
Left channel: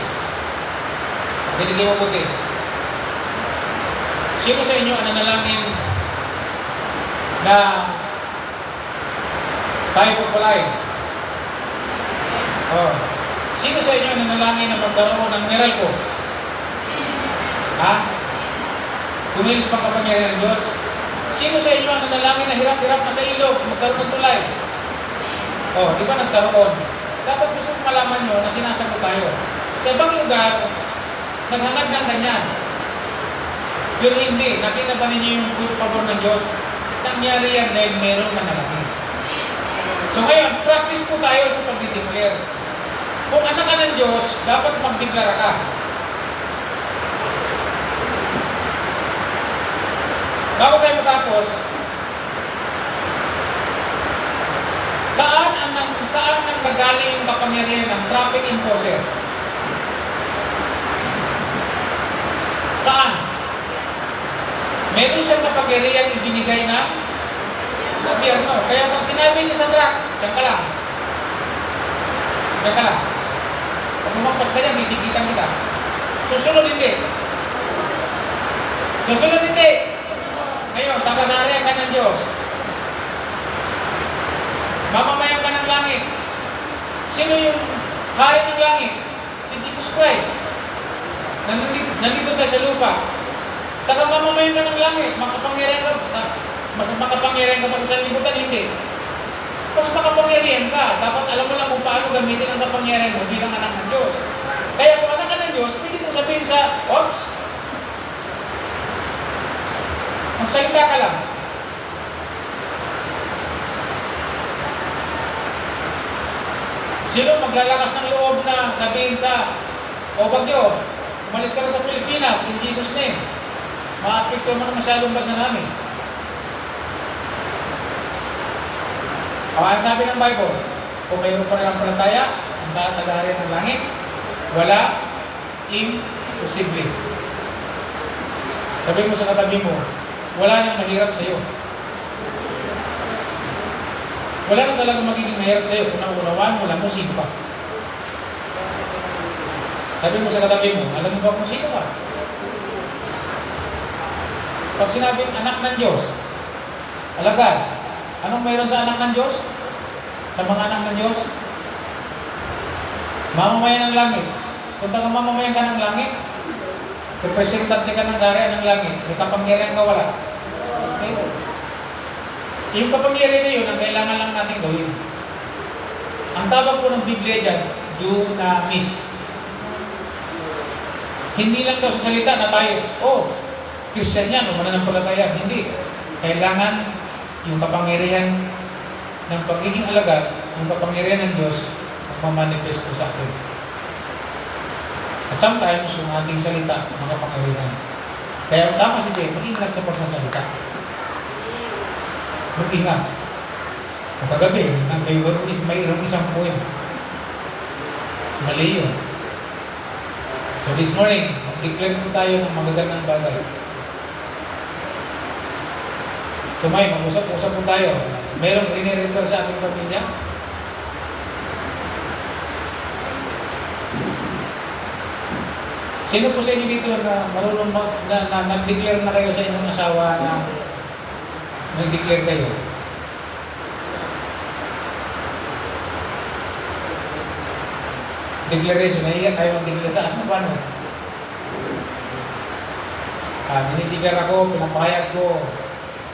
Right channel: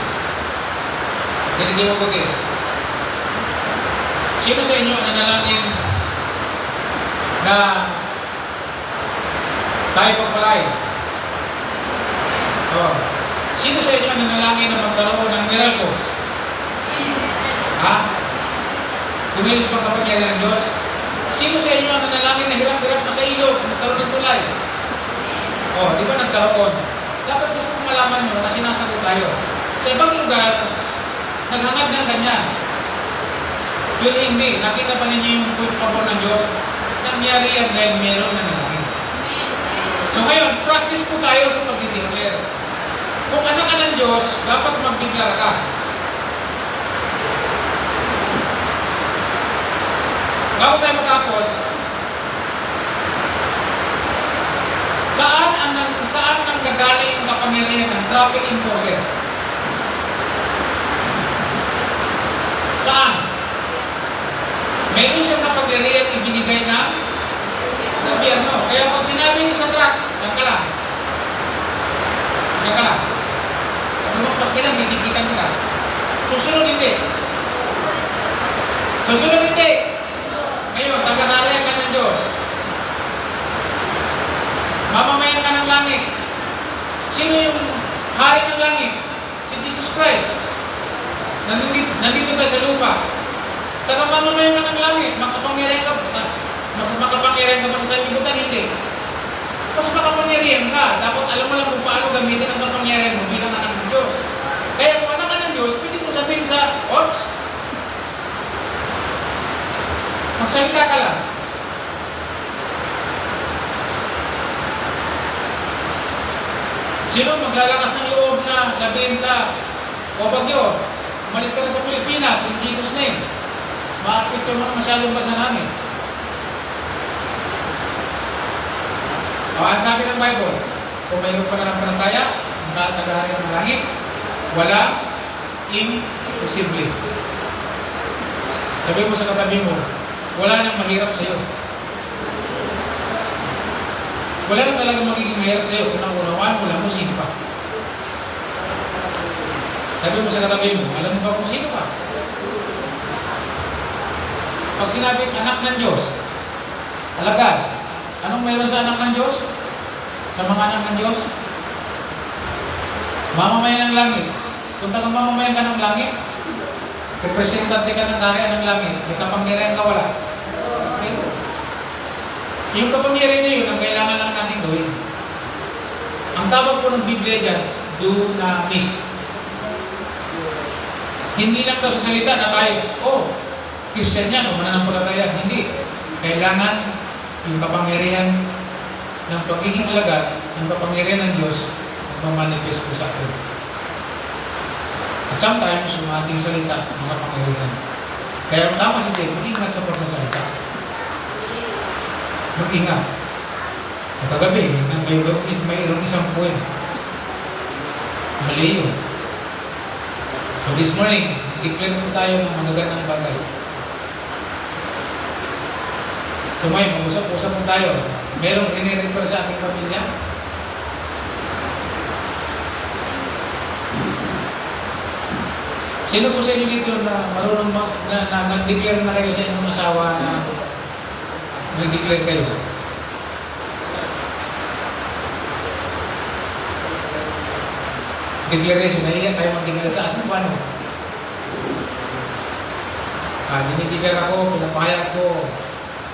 Diligin mo buti. Sino sa inyo ang nanalangin na tayo pagpalain? Sino sa inyo ang nanalangin na magkaroon ng miracle? Ha? Kumilos pa kapangyarihan ng Diyos? Sino sa inyo ang nanalangin na hirap-hirap na sa ilog magkaroon ng tulay? Di ba nagkaroon? Dapat gusto kong malaman nyo na sinasagot tayo. Sa ibang lugar, naghangad ng ganyan. Pero hindi. Nakita pa ninyo yung pagpapor ng Diyos? Nangyari yan dahil meron na nanalangin. So ngayon, practice po tayo sa pag-declare. Kung anak ka ng Diyos, dapat mag-declare ka. Bago tayo matapos, saan ang gagaling yung kapangyarihan ng traffic enforcer? Saan? Meron siyang kapangyarihan ibinigay ng gobyerno. Kaya pag sinabi niyo sa truck, diyan ka lang. Diyan ka lang. Pag lumagpas ka lang, didikitan kita. Susunod hindi. Susunod hindi. Ngayon, taga-hari ka ng Diyos. Mamamayan ka ng langit. Sino yung hari ng langit? Si Jesus Christ. Nandito tayo sa lupa. Taga-mamamayan ka ng langit. Makapangyarihan ka. Mas makapangyarihan ka pa sa libutan, hindi. Mas makapangyarihan ka. Dapat alam mo lang kung paano gamitin ang kapangyarihan mo bilang anak ng Diyos. Kaya kung anak ka ng Diyos, pwede mo sabihin sa, oops, magsalita ka lang. Sino maglalakas ng loob na sabihin sa, o bagyo, umalis ka na sa Pilipinas, in Jesus' name. Maapekto mo na masyadong bansa namin. Ang sabi ng Bible, kung mayroon pa ng palataya, ang taga-hari ng langit, wala imposible. Sabi mo sa katabi mo, wala nang mahirap sa iyo. Wala nang talagang magiging mahirap sa iyo kung naunawaan mo lang kung sino ka. Sabi mo sa katabi mo, alam mo ba kung sino ka? Pag sinabing anak ng Diyos, alagad, anong mayroon sa anak ng Diyos? Sa mga anak ng Diyos? Mamamayan ng langit. Kung taga-mamamayan ka ng langit, representante ka ng kaharian ng langit, may kapangyarihan ka wala. Okay? Yung kapangyarihan na yun, ang kailangan lang natin gawin. Ang tawag po ng Biblia dyan, dunamis. Hindi lang daw sa salita na tayo, Christian yan, o mananampalataya. Hindi. Kailangan yung kapangyarihan ng pagiging alagad, yung kapangyarihan ng Diyos, magmamanifest po sa atin. At sometimes, yung ating salita, ng kapangyarihan. Kaya tama si Dave, mag-ingat sa pagsasalita. Mag-ingat. At kagabi, mayroong isang poem. Mali yun. So this morning, declare po tayo ng magagandang bagay. So may, mag-usap-usap po tayo. Merong riniripper sa ating pamilya? Sino po sa inyo dito na marunong nag-declare na kayo sa inyong asawa na nag-declare kayo? Declaration, nahiya kayo mag-declare sa asa paano? Dinideclare ako, pinapahayag ko,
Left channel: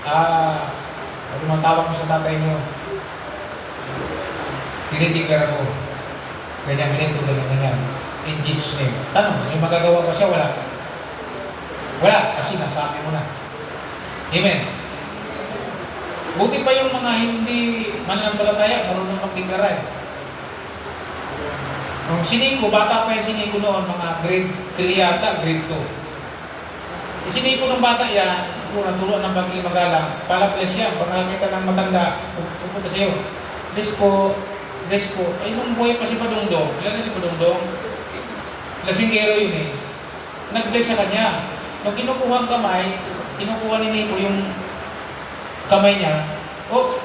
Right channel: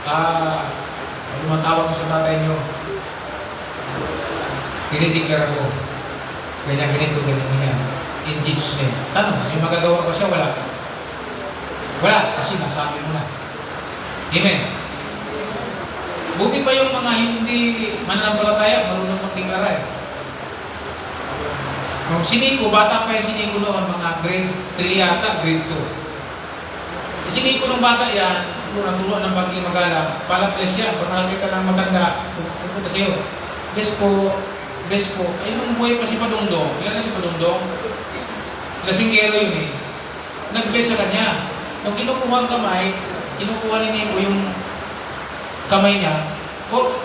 ano man tawag ko sa tatay nyo. Dinideclare ako. Ganyan, ganyan. In Jesus' name. Ano? May magagawa ko siya? Wala. Wala, kasi nasabi mo na. Amen. Buti pa yung mga hindi mananampalataya, marunong mag-declare. Yung siniko, bata pa yung siniko noon, mga grade 3 yata, grade 2. Siniko ng bata yan, natuloan ng bagi magalang, pala-bless yan. Pag nakakita ng maganda, pupunta sa'yo. Bless po. Ay, nung buhay pa si Padungdong, ilan na si Padungdong? Lasinggero yun eh. Nag-bless sa kanya. Nung kinukuha ang kamay, kinukuha ni Nico yung kamay niya. Ano?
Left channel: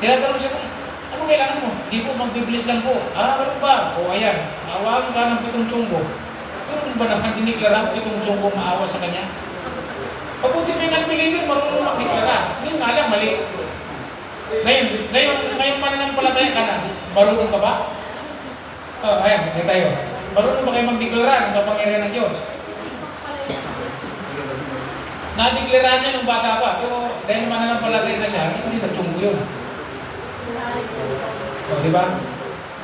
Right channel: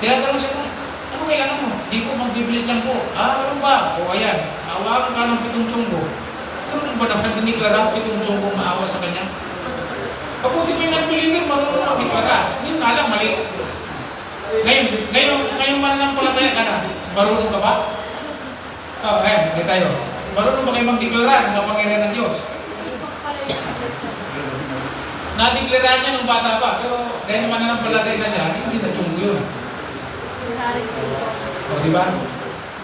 Tinatanong siya kung, ano kailangan mo? Di po, mag-bless lang po. Ano ba? Ayan, awakan ka ng pitong tsunggo. Ano ba nakadiniklaro itong tsunggo maawa sa kanya? Pabuti may nagpiligin, marunong makiklara. Yun nga lang, mali. Ngayon mananampalataya ka na, marunong ka ba? Ayan, may tayo. Marunong ba kayo magdeklara sa pangyarihan ng Diyos? Nadeklara niya yung bata pa, pero dahil mananampalataya na siya, hindi na tsunggo yun. Di ba?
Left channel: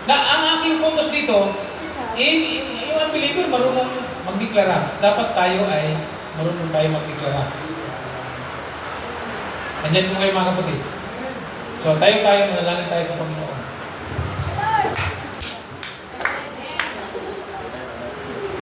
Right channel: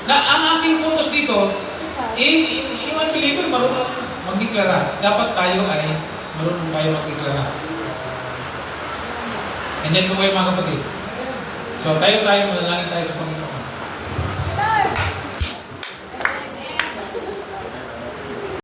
Ang aking focus dito, yung unbeliever marunong magdeklara. Dapat tayo ay marunong tayo magdeklara. Nandiyan po kayo mga kapatid. So tayo, manalangin tayo sa Panginoon.